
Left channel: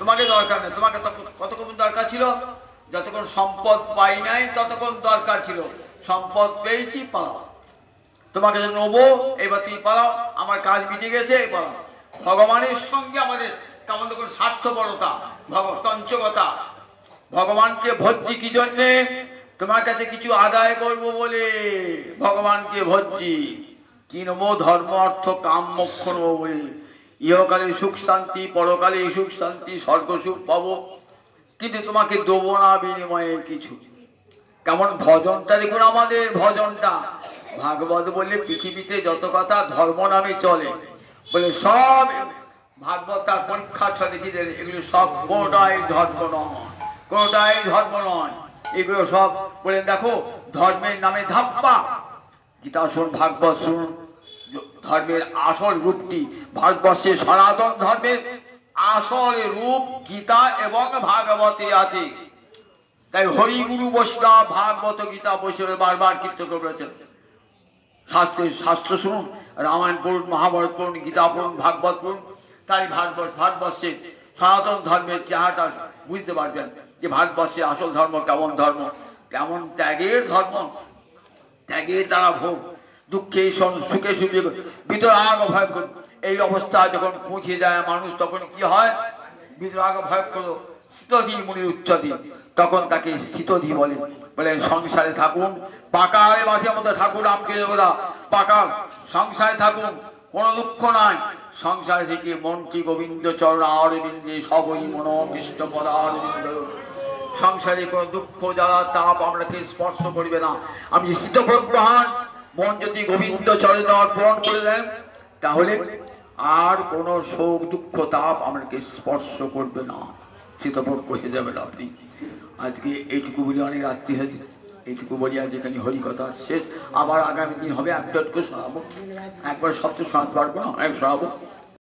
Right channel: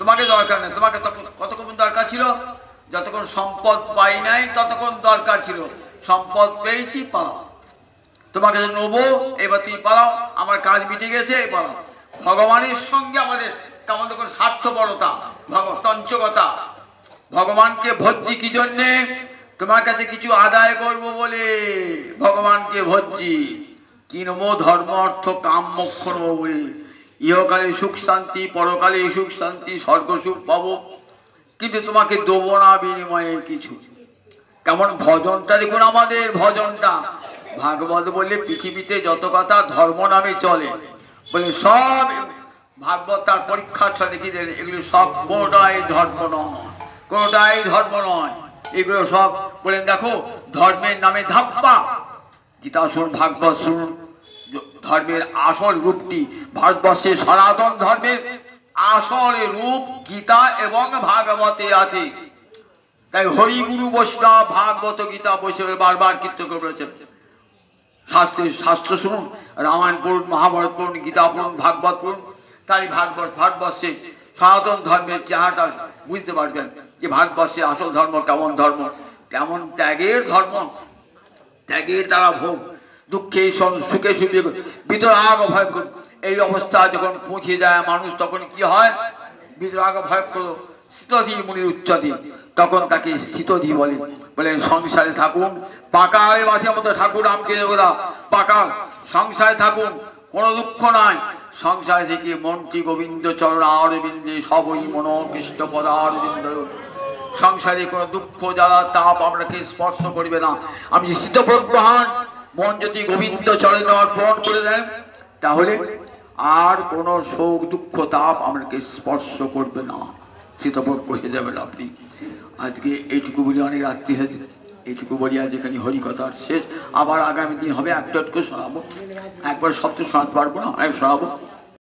তোমাকে দরকার নেই। তোমাকে কতক্ষণ দরকার ছিল? যতক্ষণ সম্পদ পাই নাই ততক্ষণ দরকার ছিল। সম্পদ পেয়েছি, পালাও, তোমাকে নেবো, এবার তুমি পালাও, আমার কাজ মিটে গেছে, পালাও। ভগবানের সঙ্গে আমাদের কেমন তখন স্বার্থপরতা, তঞ্চকতা। ভগবানকে ভজ্জি কি জন্যে? তোমার কাছে কিছু আদায় করব বলে ভগবানকে ভজ্জি। কি নেবো? ধর্ম অর্থ কাম মোক্ষ নেবো বলে। ইহকালে সুখ শান্তি, পরকালে সুখ শান্তি, স্বর্গ সুখ পাবো, কিন্তু তোমাকে দেবো না বিনিময়ে কিছু। কেমন ভজনটা দেখুন, আমাদের ভজনটা। ভাগবত বললে পৃথিবীতে যত কথা ধর্ম নামে চলে, বলে সব ভাগবত তার পরীক্ষার সাথে লিখে দেন, এগুলো সব কোনোটাই ধর্ম নয়, কোনোটাই ধর্ম নয়। এগুলো সব বলেন দেখো ধর্মের নামে ধাপ্পা। গীতা শুনুন, ভাগবত শুনুন, ধর্মের আসল রূপটি ভারতবর্ষের সনাতন ধর্মের আসল রূপ গীতা এবং ভাগবতে আছে। তাই হরিগুরু বৈষ্ণব ভাগবত গীতা বৈষ্ণবের বারবার কীর্তন করে বলেছেন। শাস্ত্র শুনুন, রামায়ণ পড়ুন, মহাভারত পড়ুন, গীতা পড়ুন, ভাগবত পড়ুন, তাই ভারতবর্ষের সনাতন ধর্মের চেহারাটা বুঝতে পারবেন যে ভারতবর্ষের আসল ধর্ম কেমন ধর্ম। তেমন ত্যাগের ধর্ম, ত্যাগের তারা ভোগ, দুঃখে সুখে সুখে বিতরাগ ভয় করুন। এই অবস্থা যখন পৌঁছে যায় মানুষ, তখন কি হয়? বিতরাগ ভয় করো স্থিতধি মুনির উচ্চতি, তখন তাকে স্থিতধি বলে। বলে সংসারে থাকুন, পাকা বাসের মতো ঠাকুর রামকৃষ্ণ পাকা সংসারে থাকুন, কোনো দুঃখ নাই। সংসারে থেকে মন্ত্রী গোবিন্দ চরণ অরবিন্দে সবই মন কৃষ্ণ পদারবিন্দ। সংসারে কোনো দুঃখ জ্বালা তাপ আপনাকে স্পর্শ করবে না। আমি স্থিতপ্রজ্ঞ হন, মন যদি গোবিন্দ চরণে অর্পণ করে দেন, তাহলে আর কোনো শোক দুঃখ তাপ আপনাকে স্পর্শ করবে না, স্থিতপ্রজ্ঞ হয়ে যাবেন আপনি। আজকে এইটুকু বলি, অনেক রাত্রি হয়েছে, এইটুকু বলি আজ এখানে হরিকথার শেষ। আবার আগামী দিন হবে, একটু শোনাবো, একবার সব তো শোনাতে পারবো না, শোনাবো।